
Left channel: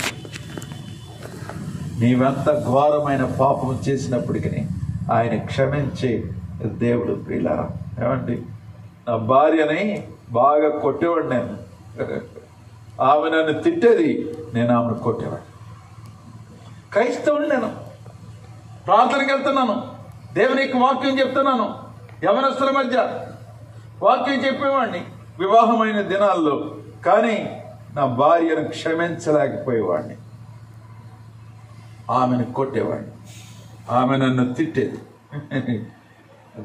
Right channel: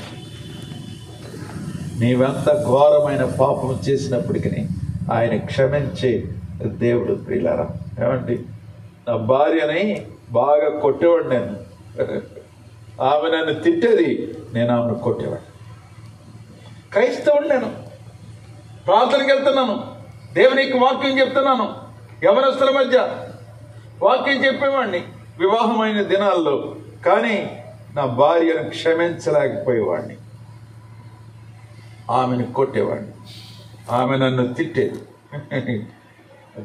నీవంత ఘోరమైన పాపం చేసినప్పటికీ ఆయన క్షమించే దేవుడు. ప్రియులారా, ఏమండి నా భార్యని బాగా కొట్టేవాడు నేను. ఆమె నన్ను తిట్టేది, నేను ఆమెను కొట్టేవాడు. క్రైస్తవుడు నేను, ప్రార్థనకి వెళ్తున్నాను, దేవునికి వాక్యం చెప్తున్నాను, యవనస్తుల మధ్య వాక్యం చెప్పేవాడిని వివాహమైన దినాల్లో. కానీ నా భార్యను క్షమించలేకపోయేవాడిని, ఆమెను కొట్టేవాడిని, ఆమె నన్ను తిట్టేది.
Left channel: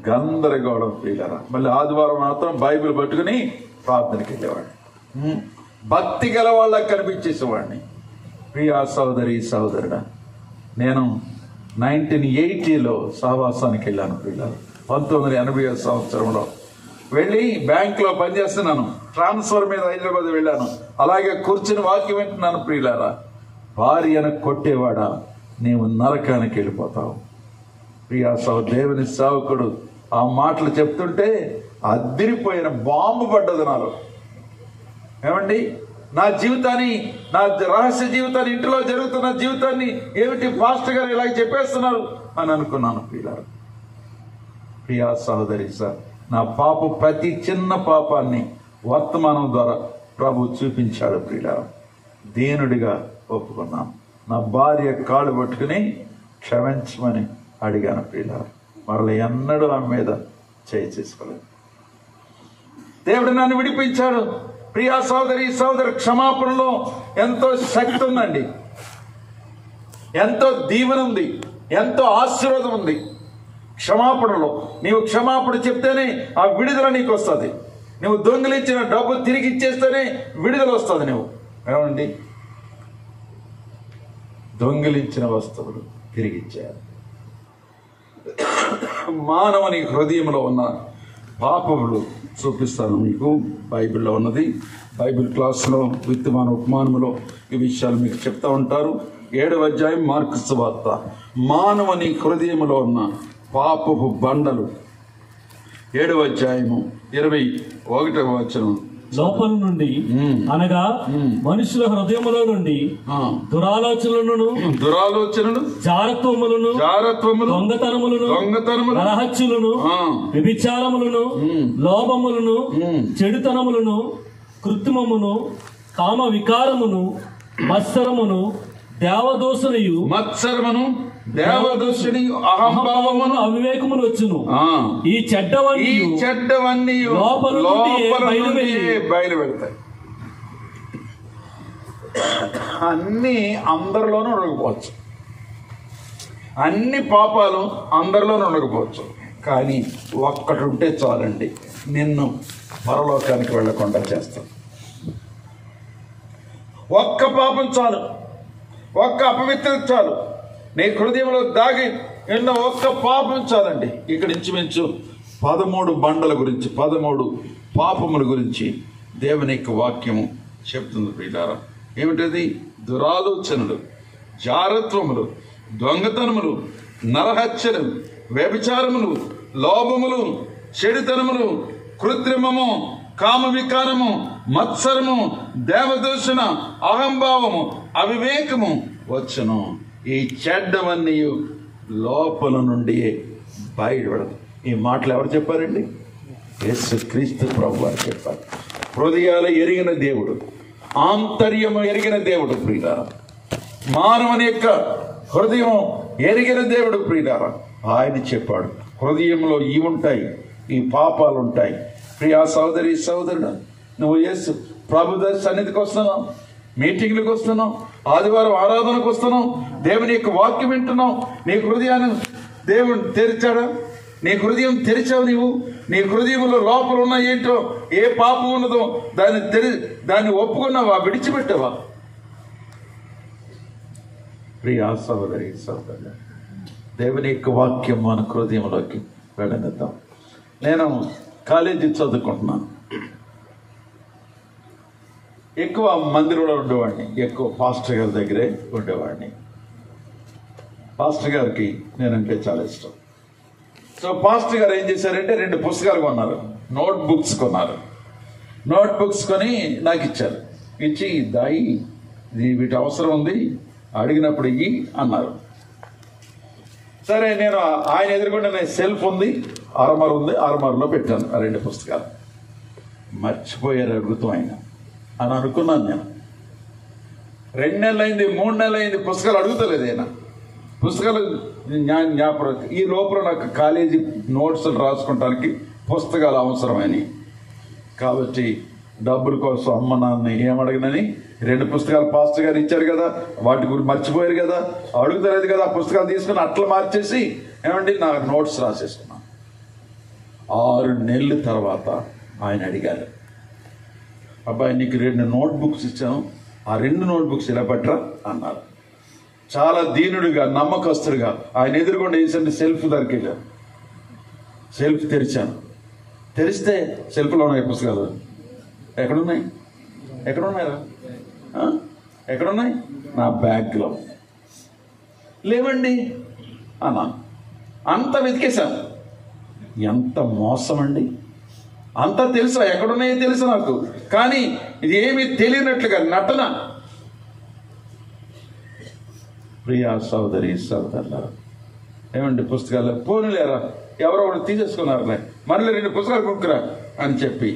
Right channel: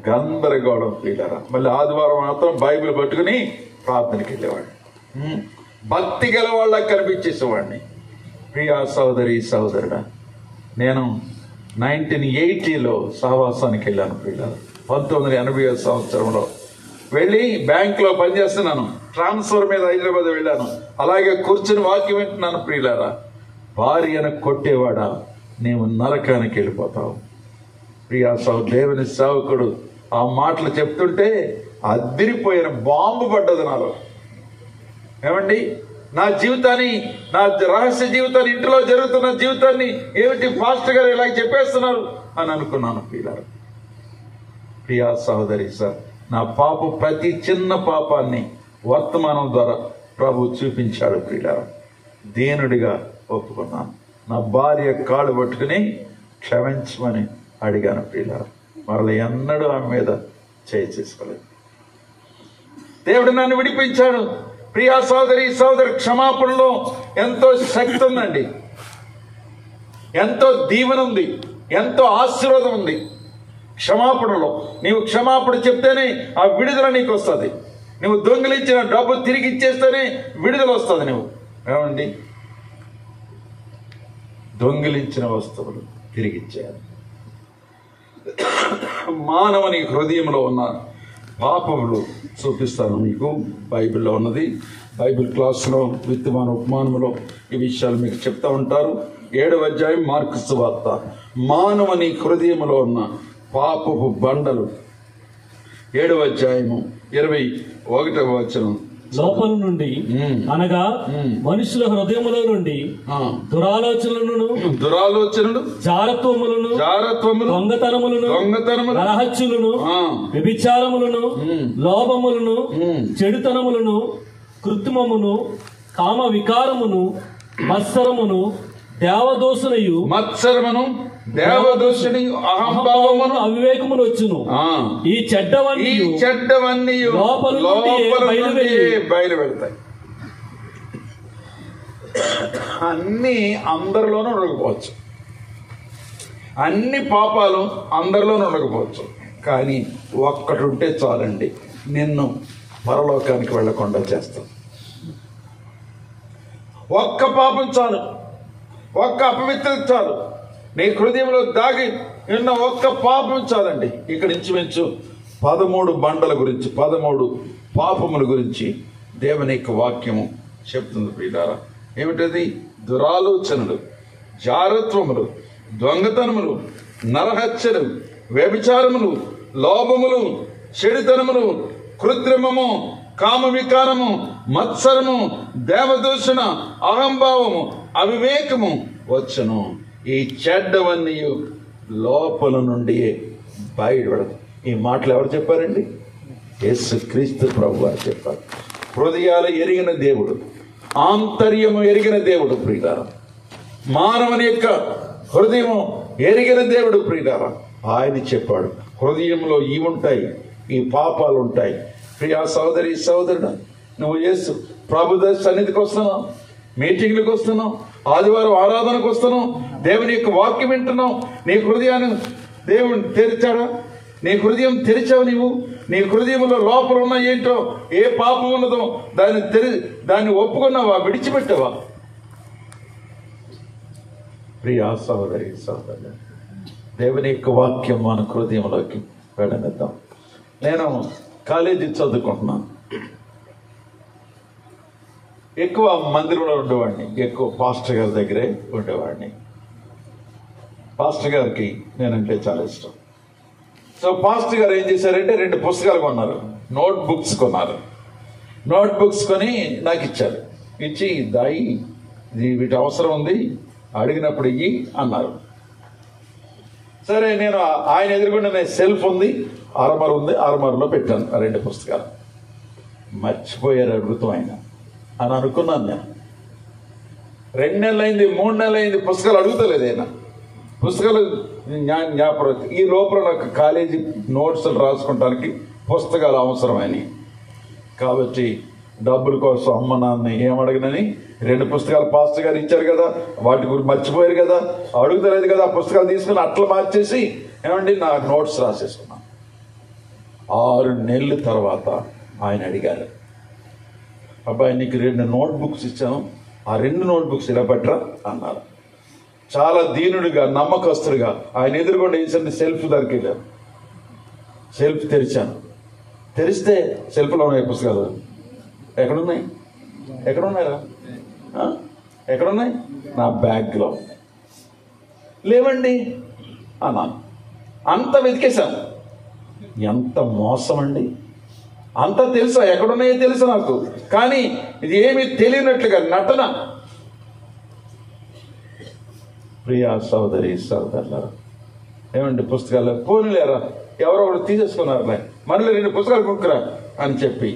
గందరగోళం. ప్రియులారా, మళ్ళీ ఆదివారం మాత్రం బైబిల్ పట్టుకుని ప్రార్థనకి వెళ్ళేవాడిని, భక్తి గల వాళ్ళకి కనిపించేసేవాడిని. ప్రియా సహోదరి సహోదరుడా, నేను 1980లో సహవాసానికి వెళ్ళాను. ప్రియులారా, 1980 సంవత్సరంలో వెళ్ళి బ్యాంకులో పనిచేస్తున్నాను. ట్రాన్స్ఫర్ మీద హైదరాబాద్ వెళ్ళాను. అలాగే కూర్చుని వాక్యం వింటున్నాను. ప్రియులారా, భార్యను కొట్టేవాడా, నీవు నరకానికి వెళ్ళిపోతావు. ప్రియా దేవుని సేవకుడు ఆ మాటలు చెప్తుంటే అద్దిరిపోయిన బాంబు పడ్డది నాలో. ఏమండి, నా జీవితాన్ని, నా రహస్య జీవితాన్ని, ఇంటిలో జరుగుతున్న జీవితాన్ని ఏమిటి పాస్టర్ గారు ఇలా చెప్పేస్తున్నారు అని అనుకున్నాను. ప్రియా సహోదరి సార్, నా పాపం, ప్రతి చిన్న పాపాన్ని వర్తమానం ద్వారా ప్రభు చూపించాడు. ప్రియులారా, దీనుడిగా ఒప్పుకున్నాను. నా భార్య కాళ్ళు పట్టుకుని క్షమించమని అడిగాను. ప్రియులారా, మరల ఎన్నడూ ఆమె మీద చేయి చేసుకోలేదు. దేవుడు నన్ను విడిపించాడు. ప్రియా సోదరి సోదరు, క్షమాపణలో ఎంతో శక్తి ఉందండి, ఎంతో దీవెన ఉంది, ఎంతో ఆశీర్వాదం ఉంది క్షమాపణలో. నీవు క్షమాపణ చెప్తేనే ఆ విడుదల నీకు వస్తుంది. నువ్వు దొంగిలించిన డబ్బు తిరిగి ఇచ్చేస్తేనే విడుదల వస్తుంది. నువ్వు ఏమండి దొంగిలించిన వస్తువులు తిరిగిచ్చారు. మానవుని హృదయంలో ఉన్న పాపములు చూపిస్తాను మీకు. బైబిల్లో ఉన్నది. బైబిల్ క్లాసులో విత్తమాన ఉపమానములో ఈ విషయాలు మీకు చెప్తా ఉంటారు. 7వ అధ్యాయం మార్కు సువార్త. మానవుని హృదయంలో ఉన్న పాపపు బండలు. 7వ అధ్యాయము 21వ వచనం. లోపల నుండి అనగా మనుషుల హృదయములో నుండి దురాలోచనలను జారత్వములను దొంగతనములను నరహత్యులను వ్యభిచారములను లోభములను చెడుతనములను కృత్రిమమును కామ వికారమును మత్సరమును దేవదోషుని అహంభావమును అవివేకమును వచ్చును. ఈ చెడ్డవన్నీ లోపల బయలువెళ్తాయి. అన్ని అందరిలోనూ ఉండకపోవచ్చు, అన్ని పాపాలు అందరిలోనూ ఉండకపోవచ్చు, కానీ ఒక్కటి ఉంటే చాలండి నిన్ను పరలోకానికి వెళ్లకుండా చేస్తాను. ఒక్క పాపం చాలు, ఒక్క అపవిత్రత చాలు, నీ హృదయంలో దాగి ఉన్న ఒక్క పాపం చాలండి. ఇక్కడ ఇంచుమించు 13 బండల గురించి, 13 పాపముల గురించి దేవుని యొక్క వాక్యము చెప్తుంది ప్రియులారా. ఏమిటది? దురాలోచనలు, జారత్వములు, దొంగతనములు, నరహత్యలు, వ్యభిచారములు, లోభములు, చెడుతనములు, కృత్రిమము, కామ వికారము, మత్సరము, దేవదూషణ, అహంభావము, అవివేకము వచ్చును. ఈ చెడ్డవన్నీ లోపల నుండి బయటపడదు. ఈ మాటలు ఎవరు చెప్పారండి? యేసుక్రీస్తు ప్రభు వారు చెప్పారు. హృదయాలు ఎరిగిన దేవుడు, ఆంతర్యము ఎరిగిన దేవుడు ప్రియులారా. మానవుని యొక్క హృదయం ఎరిగిన దేవుడు ప్రియులారా. ఆయన చెప్పాడు హృదయంలో ఇవి ఉంటాయి, ఈ పాపాలు ఉంటాయి. ప్రియా సోదరి సోదరుడు, నువ్వు యేసు ప్రభు సన్నిధికి వస్తున్నావు, మీటింగ్లకు వస్తున్నావు, ఆదివారం ఆరాధనకు వస్తున్నావు, దేవుని యొక్క వాక్యం వింటున్నావు. నీ హృదయాన్ని దేవుని తెరిచాడా? నీ హృదయం తెరిచావు. నీ హృదయంలో లోపల ఉన్న ఏంటో, ఏ పాపం ఉన్నదో దాన్ని ఒప్పుకున్నావా? విడిచిపెట్టావా? ప్రియా సోదరి సోదరుడు, దేవుని యొక్క వాక్యం మన హృదయంలోకి వెళ్ళనిద్దాం. నేను కాలేజీ చదువుకుంటున్నాను. ఎక్కువ మందిరంలో ఉండేవాడిని, ఎక్కువ పాస్టర్ గారి దగ్గరే ఉండేవాడిని. పాస్టర్ గారికి నేనంటే చాలా ఇష్టం. సో పాస్టర్ గారు ఏం చేశారంటే 2 పుస్తకాలు కొన్నారు, నోట్ బుక్స్ కొన్నారు. నోట్ బుక్స్ కొని నాకు ఇచ్చారు. ఇచ్చి దాయి వీటి అవసరం ఉంది, అడిగినప్పుడు ఇయ్యి అన్నారు. సరే, నేను ఆయన ఎదురుకుండా సెల్ఫ్ ఉంది, ఆర్మర్ ఉంది, ఆర్మర్లో పెట్టాను ఆ 2 పుస్తకాలు. మర్చిపోయారు అడుగుతాం ఆయన అని అనుకున్నాను నేను. 2 నెలలైంది, 3 నెలలైంది, పుస్తకాలు అడుగుతలేదు ఆయన. పుస్తకాలు జ్ఞాపకం. ఈ లోపల నాకు కాలేజీ నోట్స్లు రాసుకోవడానికి పుస్తకాలు అవసరమని, కాబట్టి డబ్బుల కోసం అమ్మ నాన్న ఏమడగనని 2 పుస్తకాలు పాస్టర్ గారు ఇచ్చారు కదా, వాటి గురించి మర్చిపోయారు కదా, అడుగుతలేదు కదా, పుస్తకాలు తీసుకుని అట్లా మార్చేసి ఏమండి నా నోట్స్ రాసేసుకున్నాను. 6 నెలల తర్వాత ఆయన అడిగారు, అబ్బాయి నీకు 2 నోట్ బుక్స్ ఇచ్చాను, ఆ 2 నోట్ బుక్స్ ఇలా పట్టరా అన్నారు. చాలా దీనుడిగా, నమ్మకస్తుడిగా ఆయన ఎదురుకుండా వేసండి సెల్ఫ్ దొరికిండారు. సెల్ఫ్ తెరిచాను. తెరిస్తే సెల్ఫ్లో ఉన్నాయి పుస్తకాలు. ఎక్కడున్నాయి? ఎక్కడున్నాయా? ఎక్కడున్నాయి? నా బ్యాగ్లో. లేవండి అన్నాను. అంత వెతికేశాను. ఎంత మోసం అండి! అంతా తెలుసా, ఎక్కడున్నాయో తెలుసా నాకు, కానీ ఇది ఏమీ తెలియనట్లుగా నటన. ప్రియా సోదరి సోదరులారా, ఏమండి పుస్తకాలు పోనీలేరా, ఎవరో ఒకటి తీసేసుకున్నారులే, మళ్ళీ 2 పుస్తకాలు కొనుక్కురా అని చెప్పి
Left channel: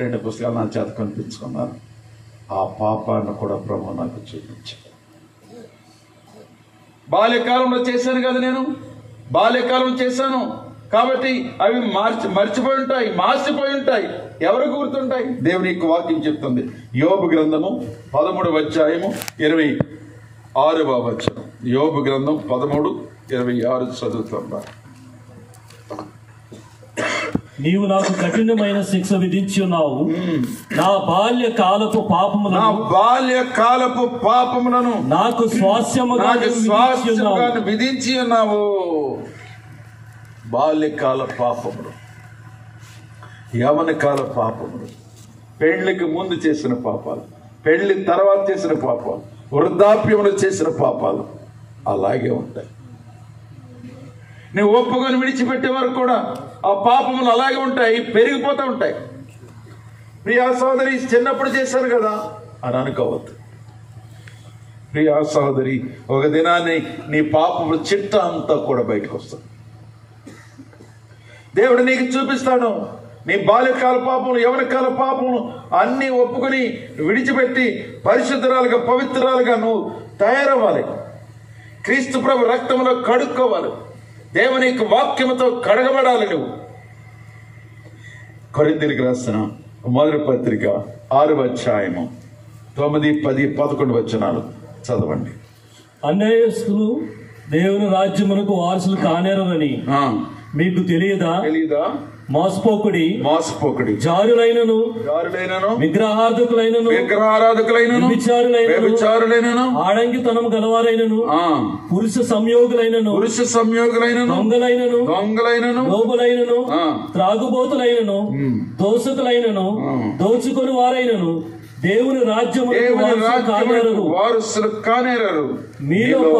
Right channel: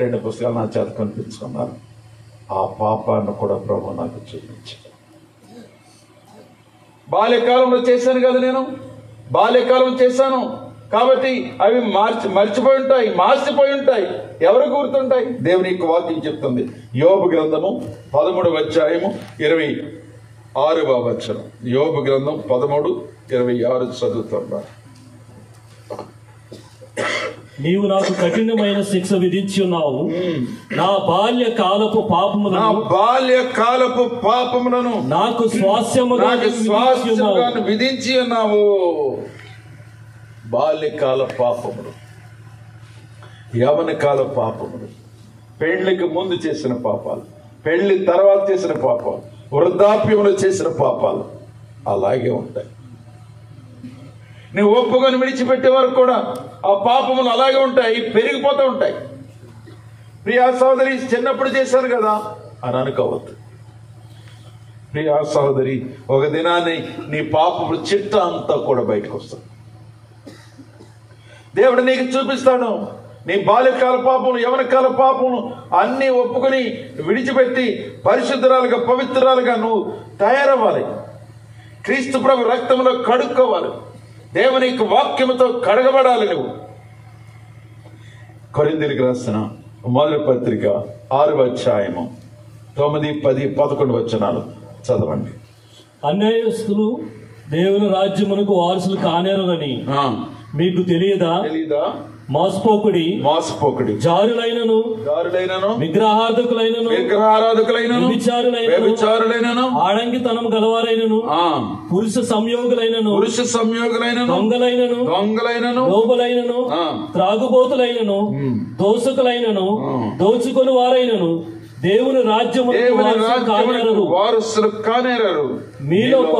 2 పుస్తకాలు నా చేత కొనిపించుకున్నారు. ఆ పాపాన్ని కూడా ప్రభు నాకు చూపించాడు. బాల్యకాలంలో చేశాను కదా, నేను బాల్యకాలం చేశాను కాబట్టి అవి మర్చిపోయి ఉంటాయి, మార్చిపోయి ఉంటాయి. ఎవరు గుర్తుంటాయి? దేవుని యొక్క వాక్యం చెప్తుంది. యోబు గ్రంథము 13వ అధ్యాయము 26వ వచనం. యోబు గ్రంథం 13:26 చదువుతున్నా. నీవు నాకు కఠినమైన శిక్ష విధించి ఉన్నావు. నా బాల్య కాలపు పాపములను నాకు స్వాస్యముగా విధించి ఉన్నావు. బాల్యకాల పాపములు, యవన కాల పాపములు, పెళ్లికి ముందు చేసిన పాపాలు, పెళ్లి తర్వాత చేసిన పాపాలు, వృద్ధాప్యంలో చేసిన పాపాలు అలాగే ఉంటాయి. నువ్వు ఒప్పుకొని విడిచిపెట్టే వరకు కూడా ఆ పాపములు అలాగే ఉంటాయి, పెరిగిపోతూ ఉంటాయి. ప్రియా సహోదరి, చిన్నప్పుడు చేశారు కదా అని అనుకోవద్దు. ప్రియా సహోదరి, ఒక దినాన్ని నీ పాపములు చిట్ట అంతా కూడా బయటకు వస్తుంది. దేవుడు నీకు చూపిస్తాడు. నీ బాల్యకాల పాపములు, యవనకాల పాపములు అన్నీ ఒప్పుకొని విడిచిపెట్టి పరిశుద్ధురాలుగా, పవిత్రాలుగా నువ్వు తయారవ్వాలి. క్రీస్తు ప్రభు రక్తంలో కడుక్కోవాలి. దేవుని వాక్యముతో కడగబడాలి. నువ్వు కొరింథీయులకు రాసిన మొదటి పత్రిక 6వ అధ్యాయము 9, 10, 11 వచనాలు చదవండి. అన్యాయస్తులు దేవుని రాజ్యమునకు వారసులు కానేరని మీకు తెలియదా? మోసపోకుడి, జారులైనను, విగ్రహారాధకులైనను, వ్యభిచారులైనను, ఆడంగితనం గలవారైనను, పురుష సంయోగులైనను, దొంగలైనను, లోబలైనను, త్రాగుబోతులైనను, దోషకులైనను, దోచుకొని వారైనను దేవుని రాజ్యము వారసులు కానేరరు. మీలో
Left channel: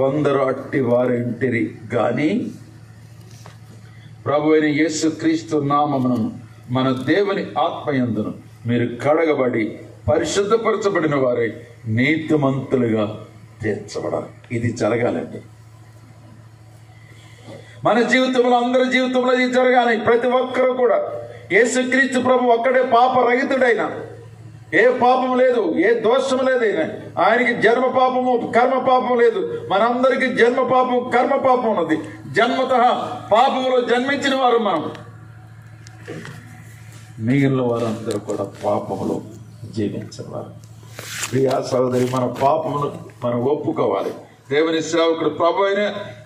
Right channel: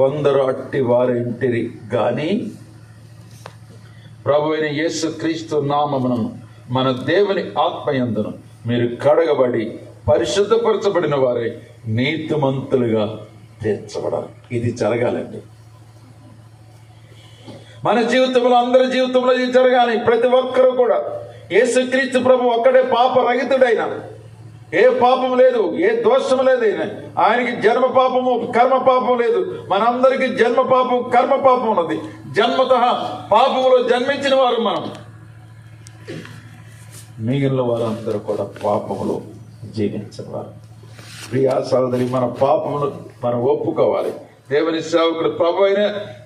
కొందరు అట్టి వారింటిరి గాని ప్రభు అయిన యేసు క్రీస్తు నామమును మన దేవుని ఆత్మయందును మీరు కడగబడి పరిశుద్ధపరచబడిన వారే నీతిమంతులుగా తీర్చబడాలి. ఇది జరగాలండి. మన జీవితంలో, అందరి జీవితంలో ఇది జరగాలి. ప్రతి ఒక్కరూ కూడా యేసుక్రీస్తు ప్రభు ఒక్కడే పాపరహితుడైన, ఏ పాపం లేదు, ఏ దోషం లేదు. ఆయనకి జన్మ పాపము, కర్మ పాపం లేదు. మనందరికీ జన్మ పాపం, కర్మ పాపం ఉన్నది. జన్మత పాపములో జన్మించిన వారు మనం. మిగిలిన వారందరూ కూడా పాపములో జీవించేవారు. ప్రియా సహోదరి, మన పాపములు మనం ఒప్పుకోవాలి. దేవుని సేవకుడు ప్రభు అయిన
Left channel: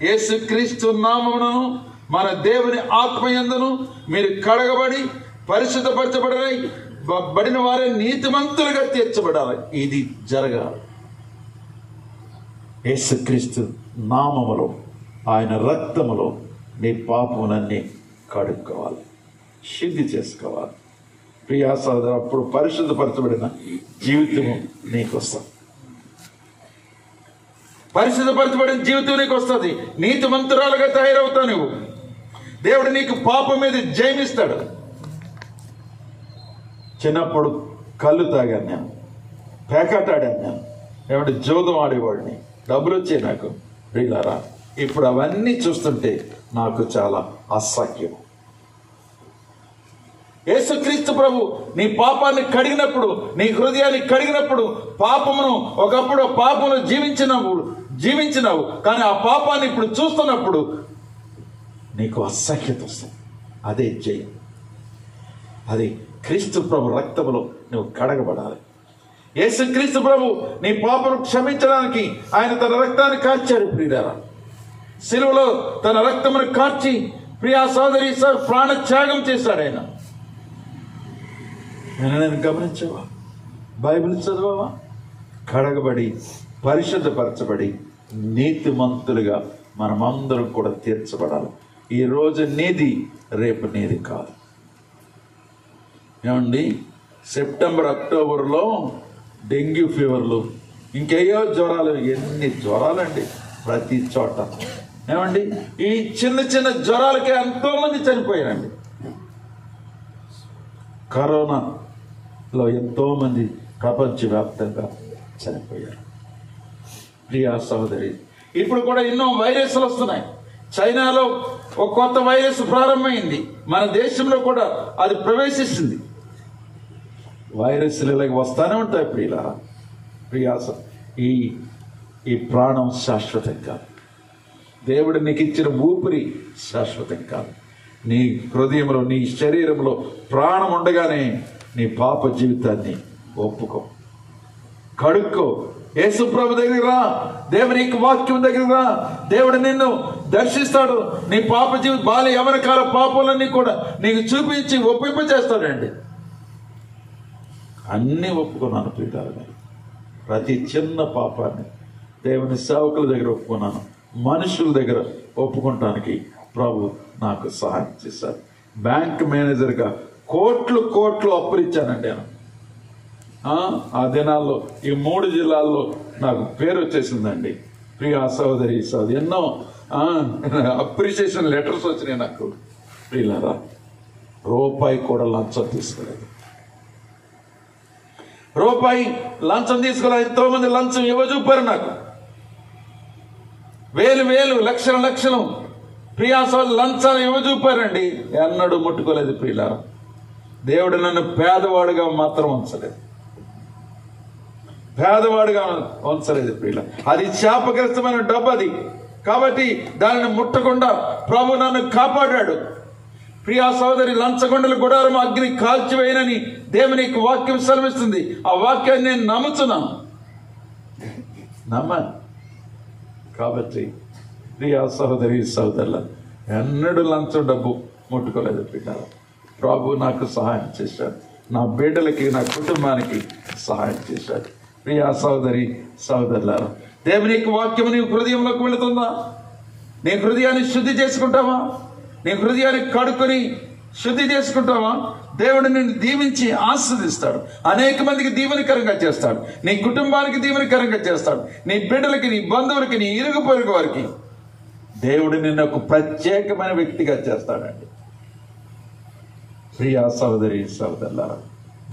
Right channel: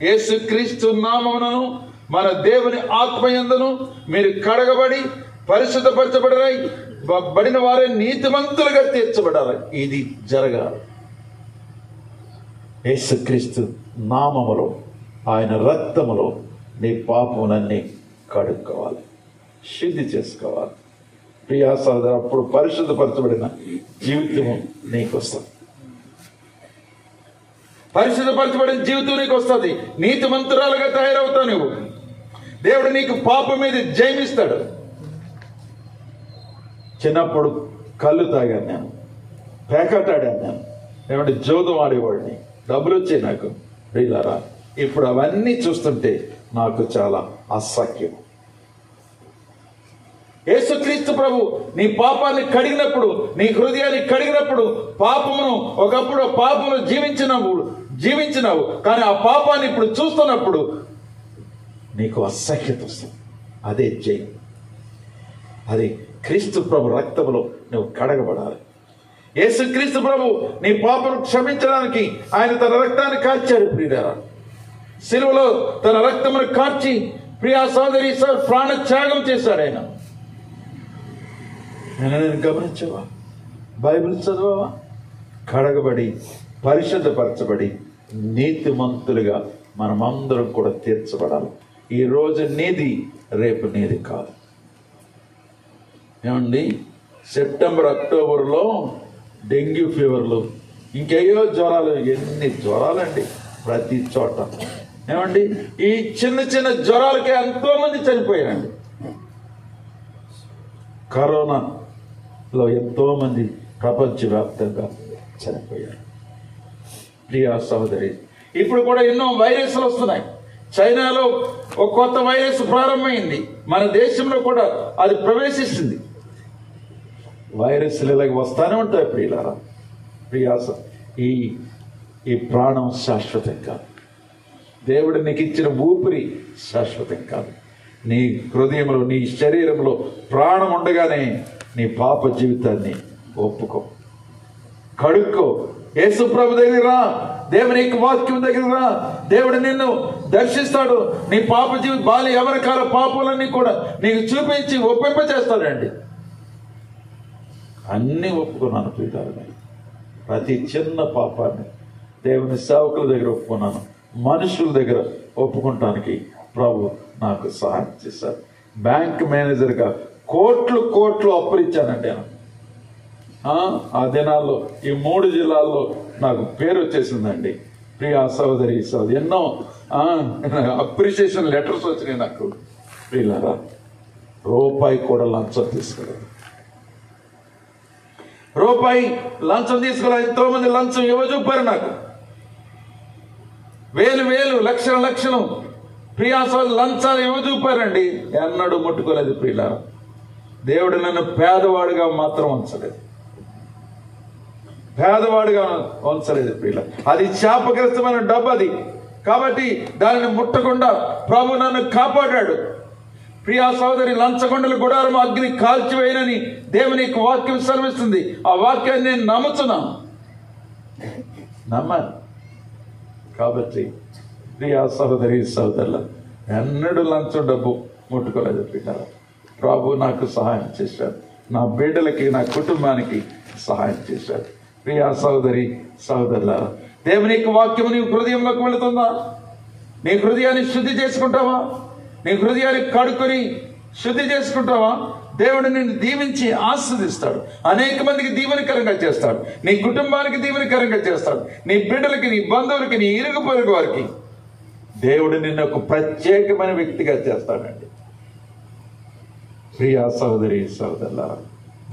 యేసుక్రీస్తు నామమును మన దేవుని ఆత్మయందును మీరు కడగబడి పరిశుద్ధపరచబడిన వారే నీతిమంతులుగా తీర్చబడాలి. ఇది జరగాలి. యేసుక్రీస్తు నామములో, ఆయన రక్తములో నీ పాపములన్నీ కడుక్కోవాలి, శుద్ధి చేసుకోవాలి. ప్రియా సహోదరు, అప్పుడు పరిశుద్ధపరచబడిన జీవితము నీకు వస్తుంది. పరిశుద్ధపరచబడిన జీవితం నీకు వస్తుంది. నీతిమంతురాలుగా తయారవుతావు నువ్వు. దేవుడు నీకు పాపం మీద జయమిస్తాడు. చిన్నప్పుడు కళ్ళు తాగాను నేను, పేకాటాడాను నేను, ఏమంటే జోదం ఆడేవాడిని, డబ్బులు వచ్చాయి నాకు. ప్రియులారా, ఇప్పుడు అవన్నీ చూస్తుంటే నాకు చాలా అసహ్యం. యేసుక్రీస్తు ప్రభు నీ పాపాన్ని కడిగినప్పుడు, నీ హృదయాన్ని కడిగినప్పుడు, పాపమును ఒకప్పుడు పాపమును జీవించినావు, కానీ ఆ పాపాన్ని ఇప్పుడు చూస్తున్నప్పుడు నీకు అసహ్యత వస్తుంది. అదే జయం. అది క్రీస్తు ప్రభు రక్తములో నువ్వు కడగబడాలి. యేసుక్రీస్తు ప్రభు నీ పాపను క్షమించడానికి ఆయన తన రక్తాన్ని కార్చాడు. ప్రియులారా, సిలువలో తన రక్తమును కార్చి ప్రియా సోదరి ప్రాణ త్యాగం చేశాడు ఆయన. నేను గమనించావా? బైబిల్ చదవవా? కడగబడి పరిశుద్ధపరచబడి నీతిమంతులుగా మనమందరం కూడా తీర్చబడాలి. ఈ రోజు నీది, రేపు నీది కాదు. ఏమండి, సెప్టెంబర్, అక్టోబర్లో డెంగ్యూ ఫీవర్లు, ఇంకేయో జ్వరాలు, ఎన్ని జ్వరాలండి ప్రతి చోట. ఏమండి, ఈ చిన్న చిన్న జ్వరాలకి ఎంతో మంది చనిపోయారండి. కరోనాలో ఎంతో మంది ప్రపంచవ్యాప్తంగా చనిపోయారు. ప్రియా సహోదరి, ఇప్పుడు కూడా ఎన్నో వైరస్లు వస్తున్నాయి. చైనాలో ఒక కొత్త వైరస్ ప్రారంభమైంది. మన దేశంలో కూడా అది ప్రవేశిస్తుంది. వైరస్లు ఇలాగ వస్తానే ఉంటాయి. ప్రియులారా, ప్రియాస, ఈ ప్రాణం శాశ్వతం కాదు. దేవుడు నీకు ఇచ్చిన ఊపిరి శాశ్వతం కాదు. నీ హృదయంలో, నీ శరీరంలో ప్రాణం ఉండగానే నీ పాప జీవితాన్ని ఒప్పుకో, కడుక్కో. యేసు ప్రభు దగ్గర రా, దేవుని వాక్యం దగ్గర రా. దేవుడు నిన్ను దర్శిస్తాడు. నీ పాప బాల్య యవనకాల పాపాలన్నీ కూడా నీకు చూపించి ఒప్పింప చేస్తాడండి. అన్నీ ఒప్పుకున్నాను ప్రియులారా, ప్రతి చిన్న పాపాన్ని దేవుని సేవకుల దగ్గర ఒప్పుకున్నాను, మనుషుల దగ్గర ఒప్పుకుంటానికి ప్రభు నాకు సహాయం చేశారు. బ్యాంక్ మేనేజర్గా కోట్లు అప్పులు ఇచ్చానండి నేను. ఆ దినాల్లో ఈ 3 జిల్లాల్లో నాకు పేరు వచ్చేసిందండి. ప్రియా సోదరి ఎన్నో అప్రిషియేషన్ లెటర్స్ వచ్చినాయి నాకు. ప్రియులారా, రూపాయి కూడా లంచం తీసుకోలేదు. రూపాయి లంచం తీసుకోలేదు. ఎంతో మంది లంచం ఇవ్వజూపారు నాకు. వేలు లక్షలు ప్రియా సోదరు లంచాలు ఇవ్వజూపారండి. ఎన్నడూ ముట్టుకోలేదు ప్రియులారా. దేవుడు నన్ను పేదవాడిగా మాత్రం ఉంచలేదు. ప్రియుల, అది శాపగ్రస్తమైన డబ్బు అది. కాబట్టి దానిని ముట్టకుండా ప్రభు నన్ను కాపాడాడు. ప్రియా సోదరి, లంచగొండల గుడారం అగ్ని కాల్చివేయనని దేవుని వాక్యం సెలవిస్తుంది. ఆ వాక్యాన్ని నేను నమ్ముతున్నాను. కాబట్టి ప్రియా సోదరి సోదరుల, ఎన్నడూ లంచం డబ్బు ముట్టుకోలేదు ప్రియులారా. ప్రభు నాకు సహాయం చేశాడు. నా బిడ్డలకి, నా కుటుంబానికి సహాయం చేశాడు. ప్రియా సోదరి సోదరులారా, దేవుని యొక్క వాక్యము నీ హృదయంలోకి వెళుతుందా? నీ హృదయాన్ని శుద్ధి చేసుకుంటావా? నీ హృదయాన్ని కడుక్కొని శుద్ధి చేసుకుంటావా? దేవుడు నిన్ను దీవించి ఆస్వాదిస్తాడు. అనేక మందికి దీవెనకరంగా చేస్తాడు. నీ కుటుంబానికి దీవెనకరంగా చేస్తాడు. నీ బిడ్డలకి, నీ బంధువులకి, నీ ఇరుగు పొరుగు వారికి దేవుడు నిన్ను ఒక ప్రత్యేకమైన వ్యక్తిగా చేస్తాడండి. ప్రియా సోదరి సోదరులారా,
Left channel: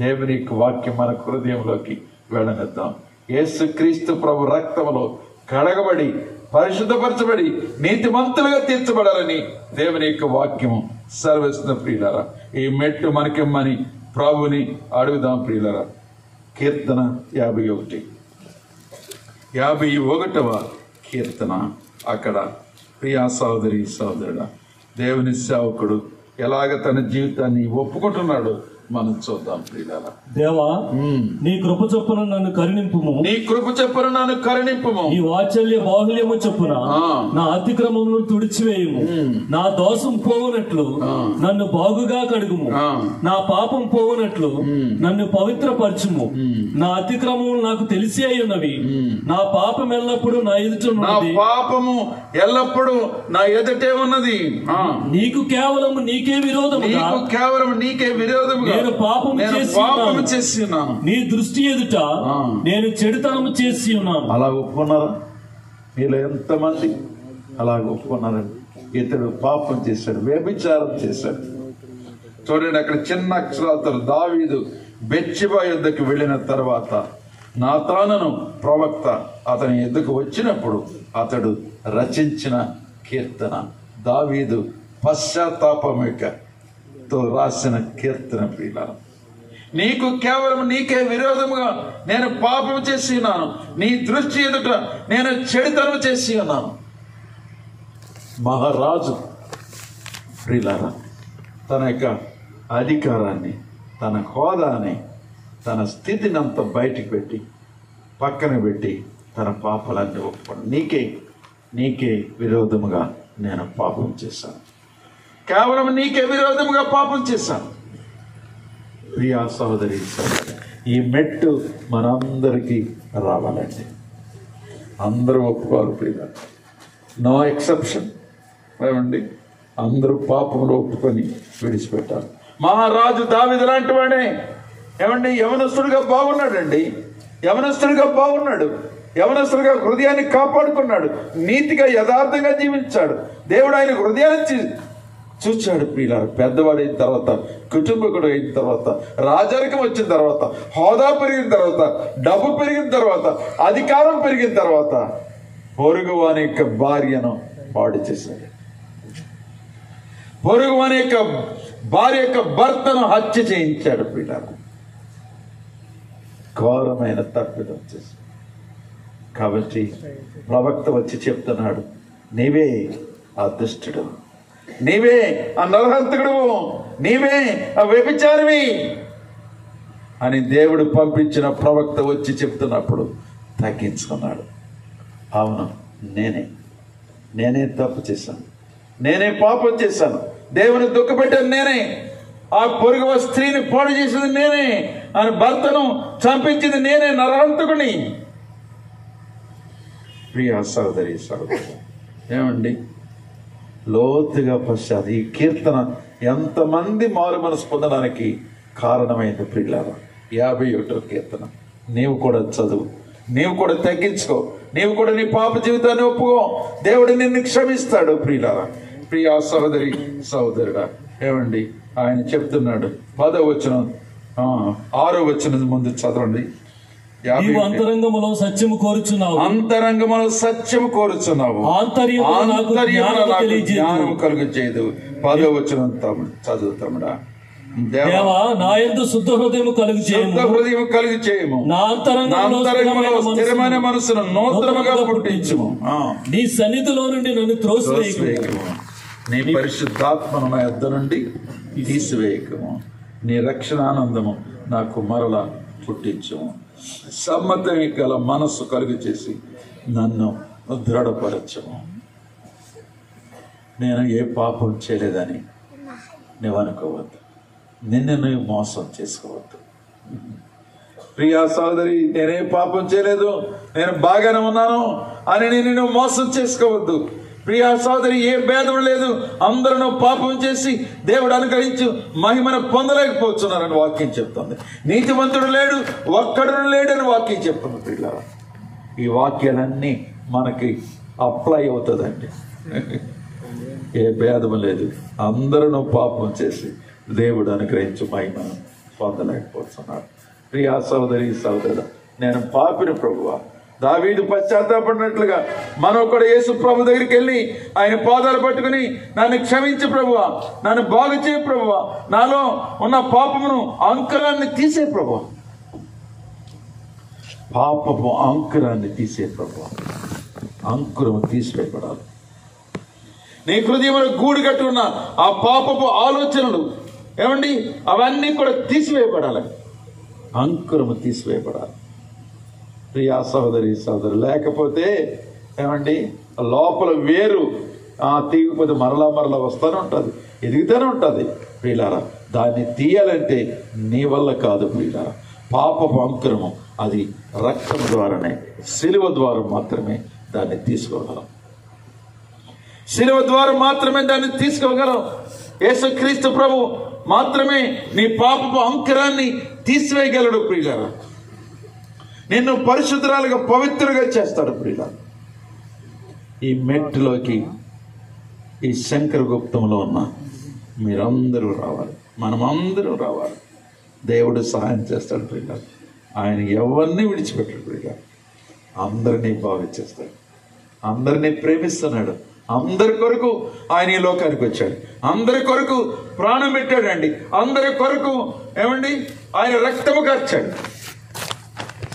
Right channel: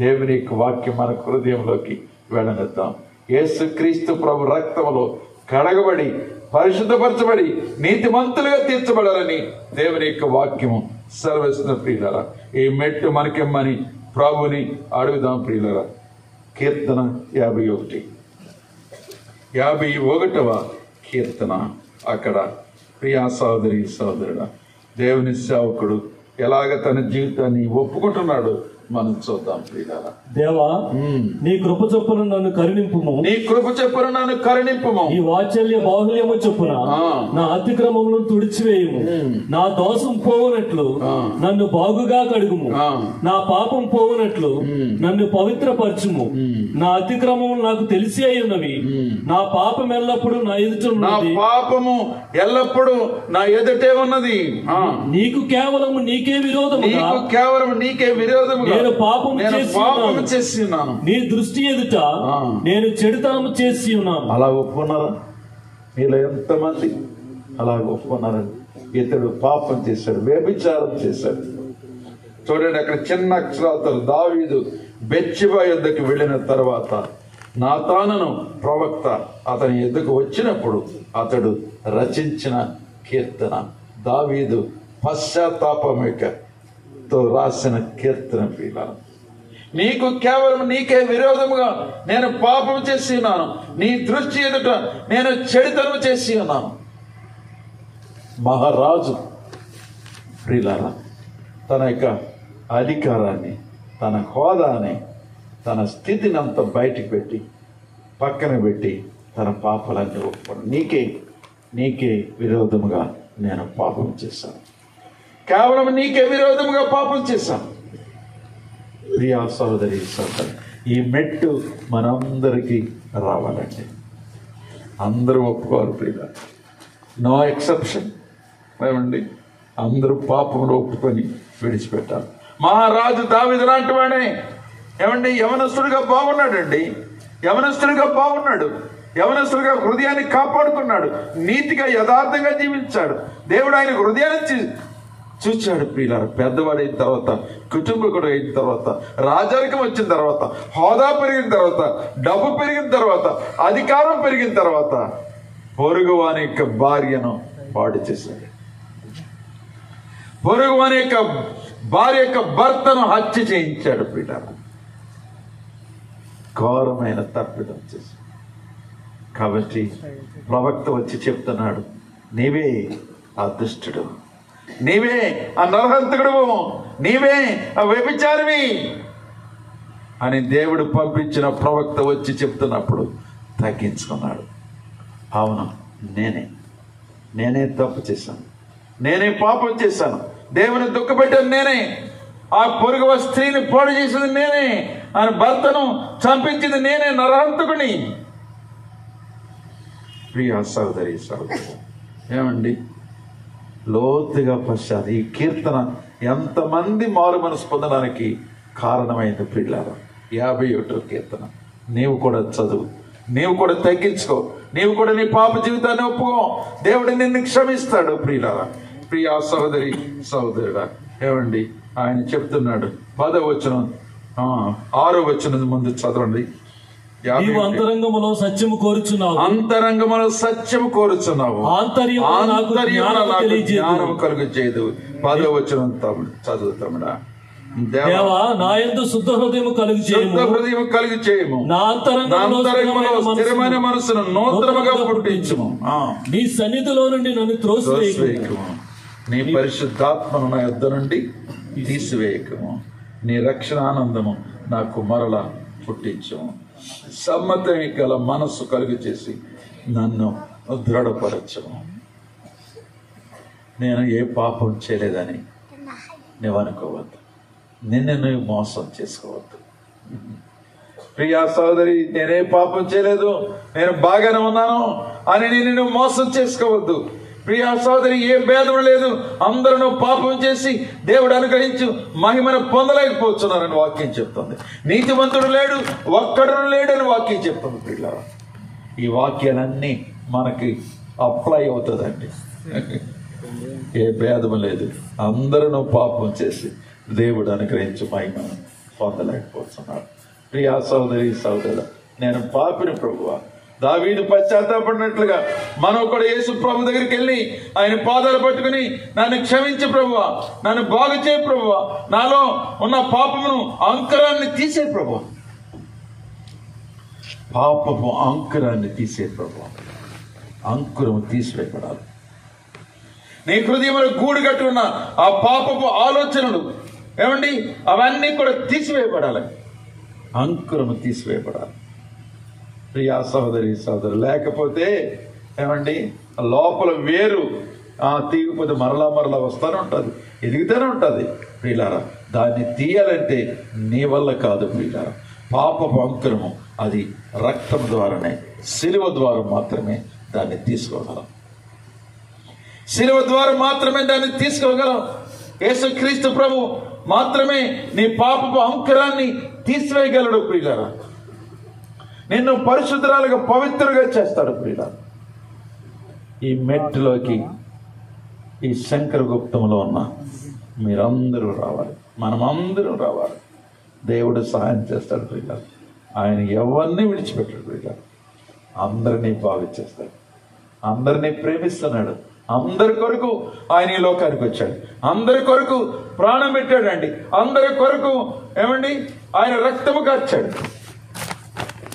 దేవుని యొక్క వాక్యం మన హృదయంలోకి వెళ్ళనిద్దాం. యేసుక్రీస్తు ప్రభు రక్తములో కడగబడి, పరిశుద్ధపరచబడి, నీతిమంతులుగా తీర్చబడాలని దేవుని యొక్క వాక్యము సెలవిస్తున్న ప్రియులారా. ఈ మెట్టు మనకిమ్మని ప్రభుని అడుగుదాం ప్రియులారా. కీర్తన 51వ కీర్తన. అక్కడ ప్రియా సోదరి సోదరుడా, దేవుని సేవకుడు ఎలాగ తన జీవితాన్ని ఒప్పుకుంటున్నాడు మనం చూద్దాం ప్రియులారా. దేవా, నీ కృప చొప్పున నన్ను కరుణింపుము. నీ వాత్సల్య బాహుల్యము చొప్పున నా అతిక్రమములను తుడిచివేయుము. నా దోషం పోవునట్లు నన్ను బాగుగా కడుగుము. నా పాపం పోవునట్లు నన్ను పవిత్రపరచుము. నా అతిక్రమములు నాకు తెలిసే ఉన్నవి. నా పాపం ఎల్లప్పుడూ నా ఎదుట ఉన్నది. పాపము ఎల్లప్పుడూ నా ఎదుటే ఉన్నది. నీకు కేవలం నీకే విరోధముగా నేను పాపము చేసి ఉన్నాను. నీ దృష్టి ఎదుట నేను చెడుతనము చేసి ఉన్నాను. అలా ఒప్పుకున్నారా? మీలో ఎంతమంది అలా ఒప్పుకున్నారండి? ఇతడు పాపం చేశాడు, వ్యభిచారం చేశాడు. చూడండి, అక్కడ చిన్న అక్షరాలతో దావీదు బెత్షెబా యుద్ధకు వెళ్ళిన తర్వాత నాతానును ప్రవక్త అతని యుద్ధకు వచ్చినప్పుడు అతడు రచించిన కీర్తన. దావీదు పశ్చాత్తాపంతో రాసిన కీర్తన. ప్రియులారా, నీకు కేవలం నీకే విరోధముగా నేను పాపం చేసి ఉన్నాను. నీ దృష్టి ఎదుట నేను చెడుతనం చేసి ఉన్నాను. మహారాజు ప్రియులారా, తన యొక్క అధికారాన్ని, తన హోదాని, తన స్థితిని అంతా బయటికి పెట్టి పక్కన పెట్టి తన పాపాలన్నీ ఒప్పుకోండి. నీకే విరోధముగా నేను పాపం చేశాను. కేవలం నీకే విరోధముగా పాపం చేశాను. ప్రియా సోదరి సోదరి, ఈ మెట్టు మనందరికీ రావాలండి. అందరూ ఒప్పుకోరు ప్రియుల, నో ఎక్సెప్షన్. ఏమండి, అందరూ పాపంలో ఒప్పుకొని విడిచిపెట్టారు. మహారాజు దావీదు లాంటి వాడే ఏమండి యవనస్తుడిగా బాగున్నాడండి. యవనస్తుడిగా హృదయాన్ని కాపాడుకున్నాడు. నీతిగా యథార్థంగా జీవించాడు. దేవుడు ఆయన హృదయాన్ని చూచాడు. ప్రియులారా, పెద్దవాడైన తర్వాత, కుటుంబకుడు అయిన తర్వాత, రాజరికం వచ్చిన తర్వాత, హోదా పెరిగిన తర్వాత, డబ్బు పెరిగిన తర్వాత, అధికారం పెరిగిన తర్వాత పొరుగువాని యొక్క భార్యను పాడు చేశాడు. పొరుగువాని యొక్క భార్య యొక్క భర్తను హత్య చేయించాడు. ప్రియులారా, ఘోరమైన తప్పిదం చేశాడు. కాబట్టి ప్రవక్త వచ్చి చెప్తున్నాడు, నీవే ఆ దుష్టుడు, నీవే ఆ నరహంతకుడు, నీవే ఆ వ్యభిచారివి అని దేవుడు పంపించిన ప్రవక్త వచ్చి చెప్తున్నప్పుడు తగ్గించుకున్నాడు. అవును, నేనే తప్పు చేశాను, నేనే పాపం చేశాను, దేవుని దుఃఖపెట్టాను నేనే, ఆ పొరుగు స్త్రీని పాడు చేసింది నేనే, ఆయన భర్తను చంపించింది నేనే, నరహంతకుని. ప్రియ సహోదరి సహోదరు, ఏమండి లోతుగా పశ్చాత్ ఈ కీర్తన ఎంతమంది మారు మనసు పొందడానికి కారణమైంది ప్రియులారా. 51వ కీర్తన నీవు కూడా చదువు, నీవు కూడా తగ్గించుకో, నీవు కూడా నీ పాప జీవితాన్ని ఒప్పుకో, దేవుడు నిన్ను క్షమిస్తాడు. ప్రియులారా, ప్రియ సహోదరి సహోదరుడా, ఏమండి ఆయన చెప్తున్నాడు 10వ వచనం 6వ వచనం ముందు చదవండి. నీవు అంతరంగములో సత్యము కోరుచున్నావు, అంతరంగములో సత్యము కోరుచున్నావు, జ్ఞానము కలుగు చేయదు. 10వ వచనం చదువుతామురా. దేవా నా యందు శుద్ధ హృదయము కలుగు చేయము, నా అంతరంగములో స్థిరమైన మనసును నూతనముగా పుట్టించుము. నీ సన్నిధిలో నుండి నన్ను త్రోసివేయకుము, నీ పరిశుద్ధాత్మను నా యొద్ద నుండి తీసివేయకము, నీ రక్షణానందము నాకు మరల పుట్టించము. సమ్మతమే గల మనస్సు కలుగు చేసి నన్ను దృఢపరచము. నేను ఏ పాపం చేయలేదని నువ్వు అనుకోవద్దు, నిన్ను నువ్వు మోసం చేసుకోవద్దు. ప్రియా సోదరి, నేనే పాపం చేయలేదు, నేను బాగానే ఉన్నాను అని నేను మోసం చేసుకోవద్దు. ప్రియా సోదరి, ఏ భేదం లేదు, అందరూ పాపం చేసి దేవుడు అనుగ్రహించు మహిమను పొందలేకపోతున్నారని వాక్యం చెప్తుంది. నీతిమంతుడు లేడు, ఒక్కడు లేడని వాక్యం చెప్తుంది. పిల్లల ఈ వాక్యాలన్నీ మనకి అప్లై అవుతుందండి. ఏ భేదం లేదు, అందరూ పాపం చేసి దేవుడు అనుగ్రహించు మహిమను పొందలేకపోతున్నారు. ప్రియా సోదరి సోదరుడు, నేను పాపిని ప్రభువా, దావీదు పశ్చాత్తాపడినట్లుగా మనం కూడా యేసు ప్రభు దగ్గరికి వెళ్ళి ఆయన పాదాలు పట్టుకుని నన్ను క్షమించు ప్రభువా, నన్ను బాగు చేయ ప్రభువా, నాలో ఉన్న పాపమును అంకురాన్ని తీసే ప్రభువా, పాపము అంకురాన్ని తీసే ప్రభువా, అంకురము తీసివేయబడాలి. నీ హృదయంలో గూడు కట్టి ఉన్న ఆ పాపపు ఆలోచనలు ఏమండి అవన్నీ కూడా తీసివేయబడాలి, అంకురము తీసివేయబడాలి. ప్రియా సహోదరి సహోదరు, లేకపోతే ఏమండి లోపల వేరు తీగిపోతే మరలా వస్తూనే ఉంటుంది, ఎదుగుతూనే ఉంటుంది. ప్రియులారా, దాన్ని తీయాలంటే నీ వల్ల కాదు ప్రియులారా. పాపపు అంకురము అది రక్తం ద్వారానే, శిలువ ద్వారా మాత్రమే దాన్ని తీసుకోగలం, శిలువ ద్వారా మాత్రమే దాన్ని తీసుకోగలం. యేసుక్రీస్తు ప్రభు మాత్రమే నీ పాపపు అంకురాన్ని తీసివేయగలడు. ప్రియులారా, నిన్ను పరిశుద్ధురాలుగా పవిత్రులుగా చేస్తాడు. ప్రియులారా, ఈ మెట్టులోకి ఈ శంకరగుప్తంలో ఉన్న మీరందరూ రావాలి, మనమందరూ రావాలి. దేవుడు సహాయం చేస్తాడు. ప్రియులారా, ఆయన ఎవరిని విడిచిపెట్టాడు. ప్రియులారా, అందరినీ బాగు చేస్తాడు, అందరినీ ప్రేమిస్తున్నాడు. అందరి కొరకు ఆయన ఈ లోకానికి వచ్చాడు, అందరి కొరకు ప్రాణం పెట్టాడండి, అందరి కొరకు ఏమండి ఆయన రక్తము కార్చాడు,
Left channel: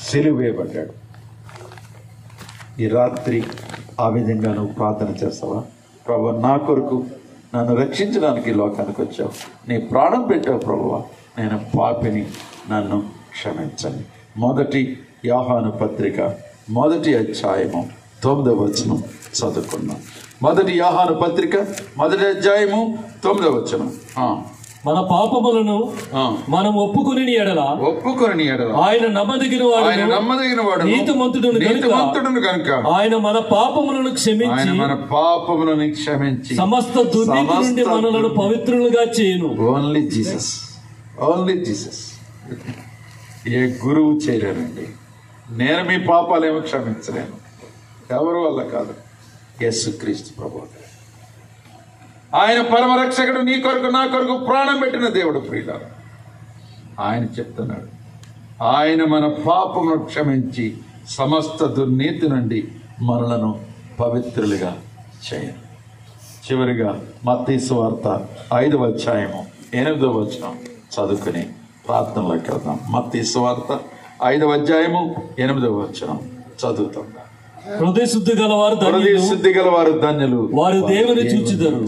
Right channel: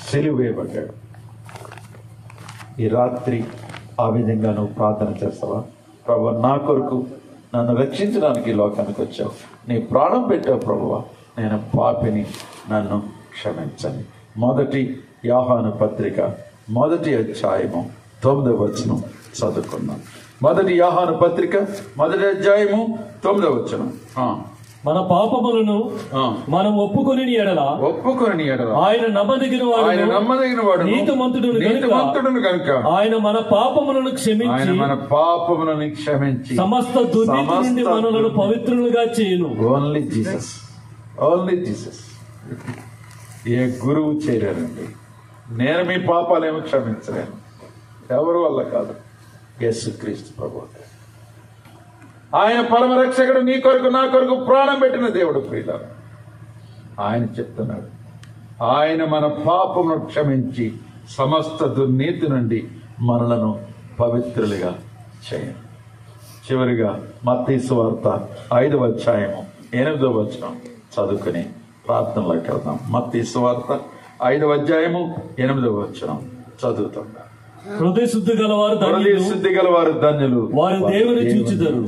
సిలువ వేయబడ్డాడు. ఈ రాత్రి ఆ విధంగా నువ్వు ప్రార్థన చేస్తావా? ప్రభువా, నా కొరకు నన్ను రక్షించడానికి ఈ లోకానికి వచ్చావు, నీ ప్రాణం పెట్టావు ప్రభువా, నేను పాపిని, నన్ను క్షమించండి. 1 యోహాను పత్రిక 1వ అధ్యాయము 9వ వచనం చదువుకున్నాం. 1 యోహాను పత్రిక 1వ అధ్యాయము 9వ వచనం. మన పాపములను మనం ఒప్పుకొని ఎడల ఆయన నమ్మదగిన వాడు నీతిమంతుడును కనుక ఆయన మన పాపములను క్షమించి సమస్త దుర్నీతి నుండి మనలను పవిత్రులుగా చేయును. Only Jesus, only Jesus. ఏ గురువు చేయలేరండి. నేను మీ పాపాలేమో క్షమించలేను, ఎవరి వల్ల కాదు, యేసుక్రీస్తు ప్రభువు. ఆయన పరమరక్షకుడు, నీ కొరకు నా కొరకు ప్రాణం పెట్టిన దేవుడు. ప్రియులారా, ఆయన చెప్తున్నాడు, ఆయన మన పాపమును క్షమించి సమస్త దుర్నీతి నుండి మనలను పవిత్రులుగా చేయను. చివరిగా మత్తయి సువార్త 5వ అధ్యాయము 8వ వచనం చదువుకుని ప్రార్థనలోకి వెళ్దాం. మత్తయి సువార్త 5వ అధ్యాయము 8వ వచనం చదువుతాం. హృదయ శుద్ధి గలవారు ధన్యులు, వారు దేవుని చూచెదరు.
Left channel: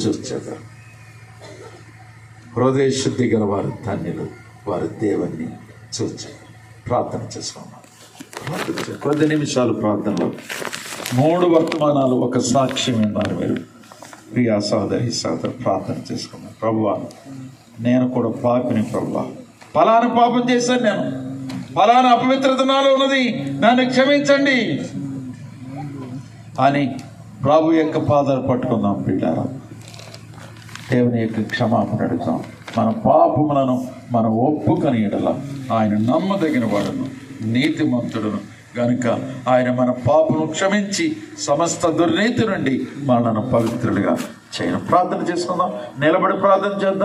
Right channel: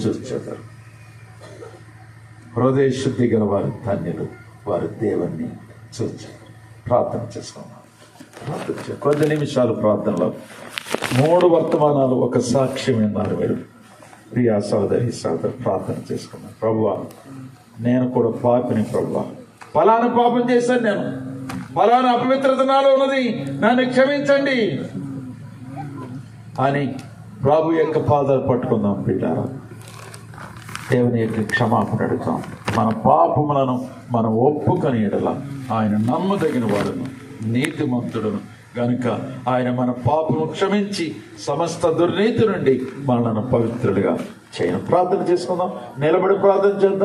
హృదయ శుద్ధి గలవారు ధన్యులు, వారు దేవుని చూచెదరు. ప్రార్థన చేసుకున్నాం. కొద్ది నిమిషాలు ప్రార్థనలో 3 వర్తమానాలు ఒక సాక్ష్యం ఉన్నారు. మీరు ప్రియా సోదరి ప్రార్థన చేసుకున్నాను. ప్రభువా, నేను కూడా పాపిని. ప్రభువా, ఫలానా పాపం చేశాను, నేను ఫలానా అపవిత్రత నాలో ఉన్నది, నన్ను క్షమించండి అని ప్రభు యొక్క పాదాలు పట్టుకుందాం. బిడ్డారా, దేవుని యొక్క క్షమాపణ అడుగుతాం. మన పాపములను మనం ఒప్పుకొని ఎడల ఆయన నమ్మదగిన వాడును, నీతిమంతుడును గనుక ఆయన మన పాపము క్షమించి సమస్త దుర్నీతి నుండి మనను పవిత్రుడిగా చేయను. ప్రార్థన చేసుకుందాం. నిలబడి ప్రార్థన చేద్దాం.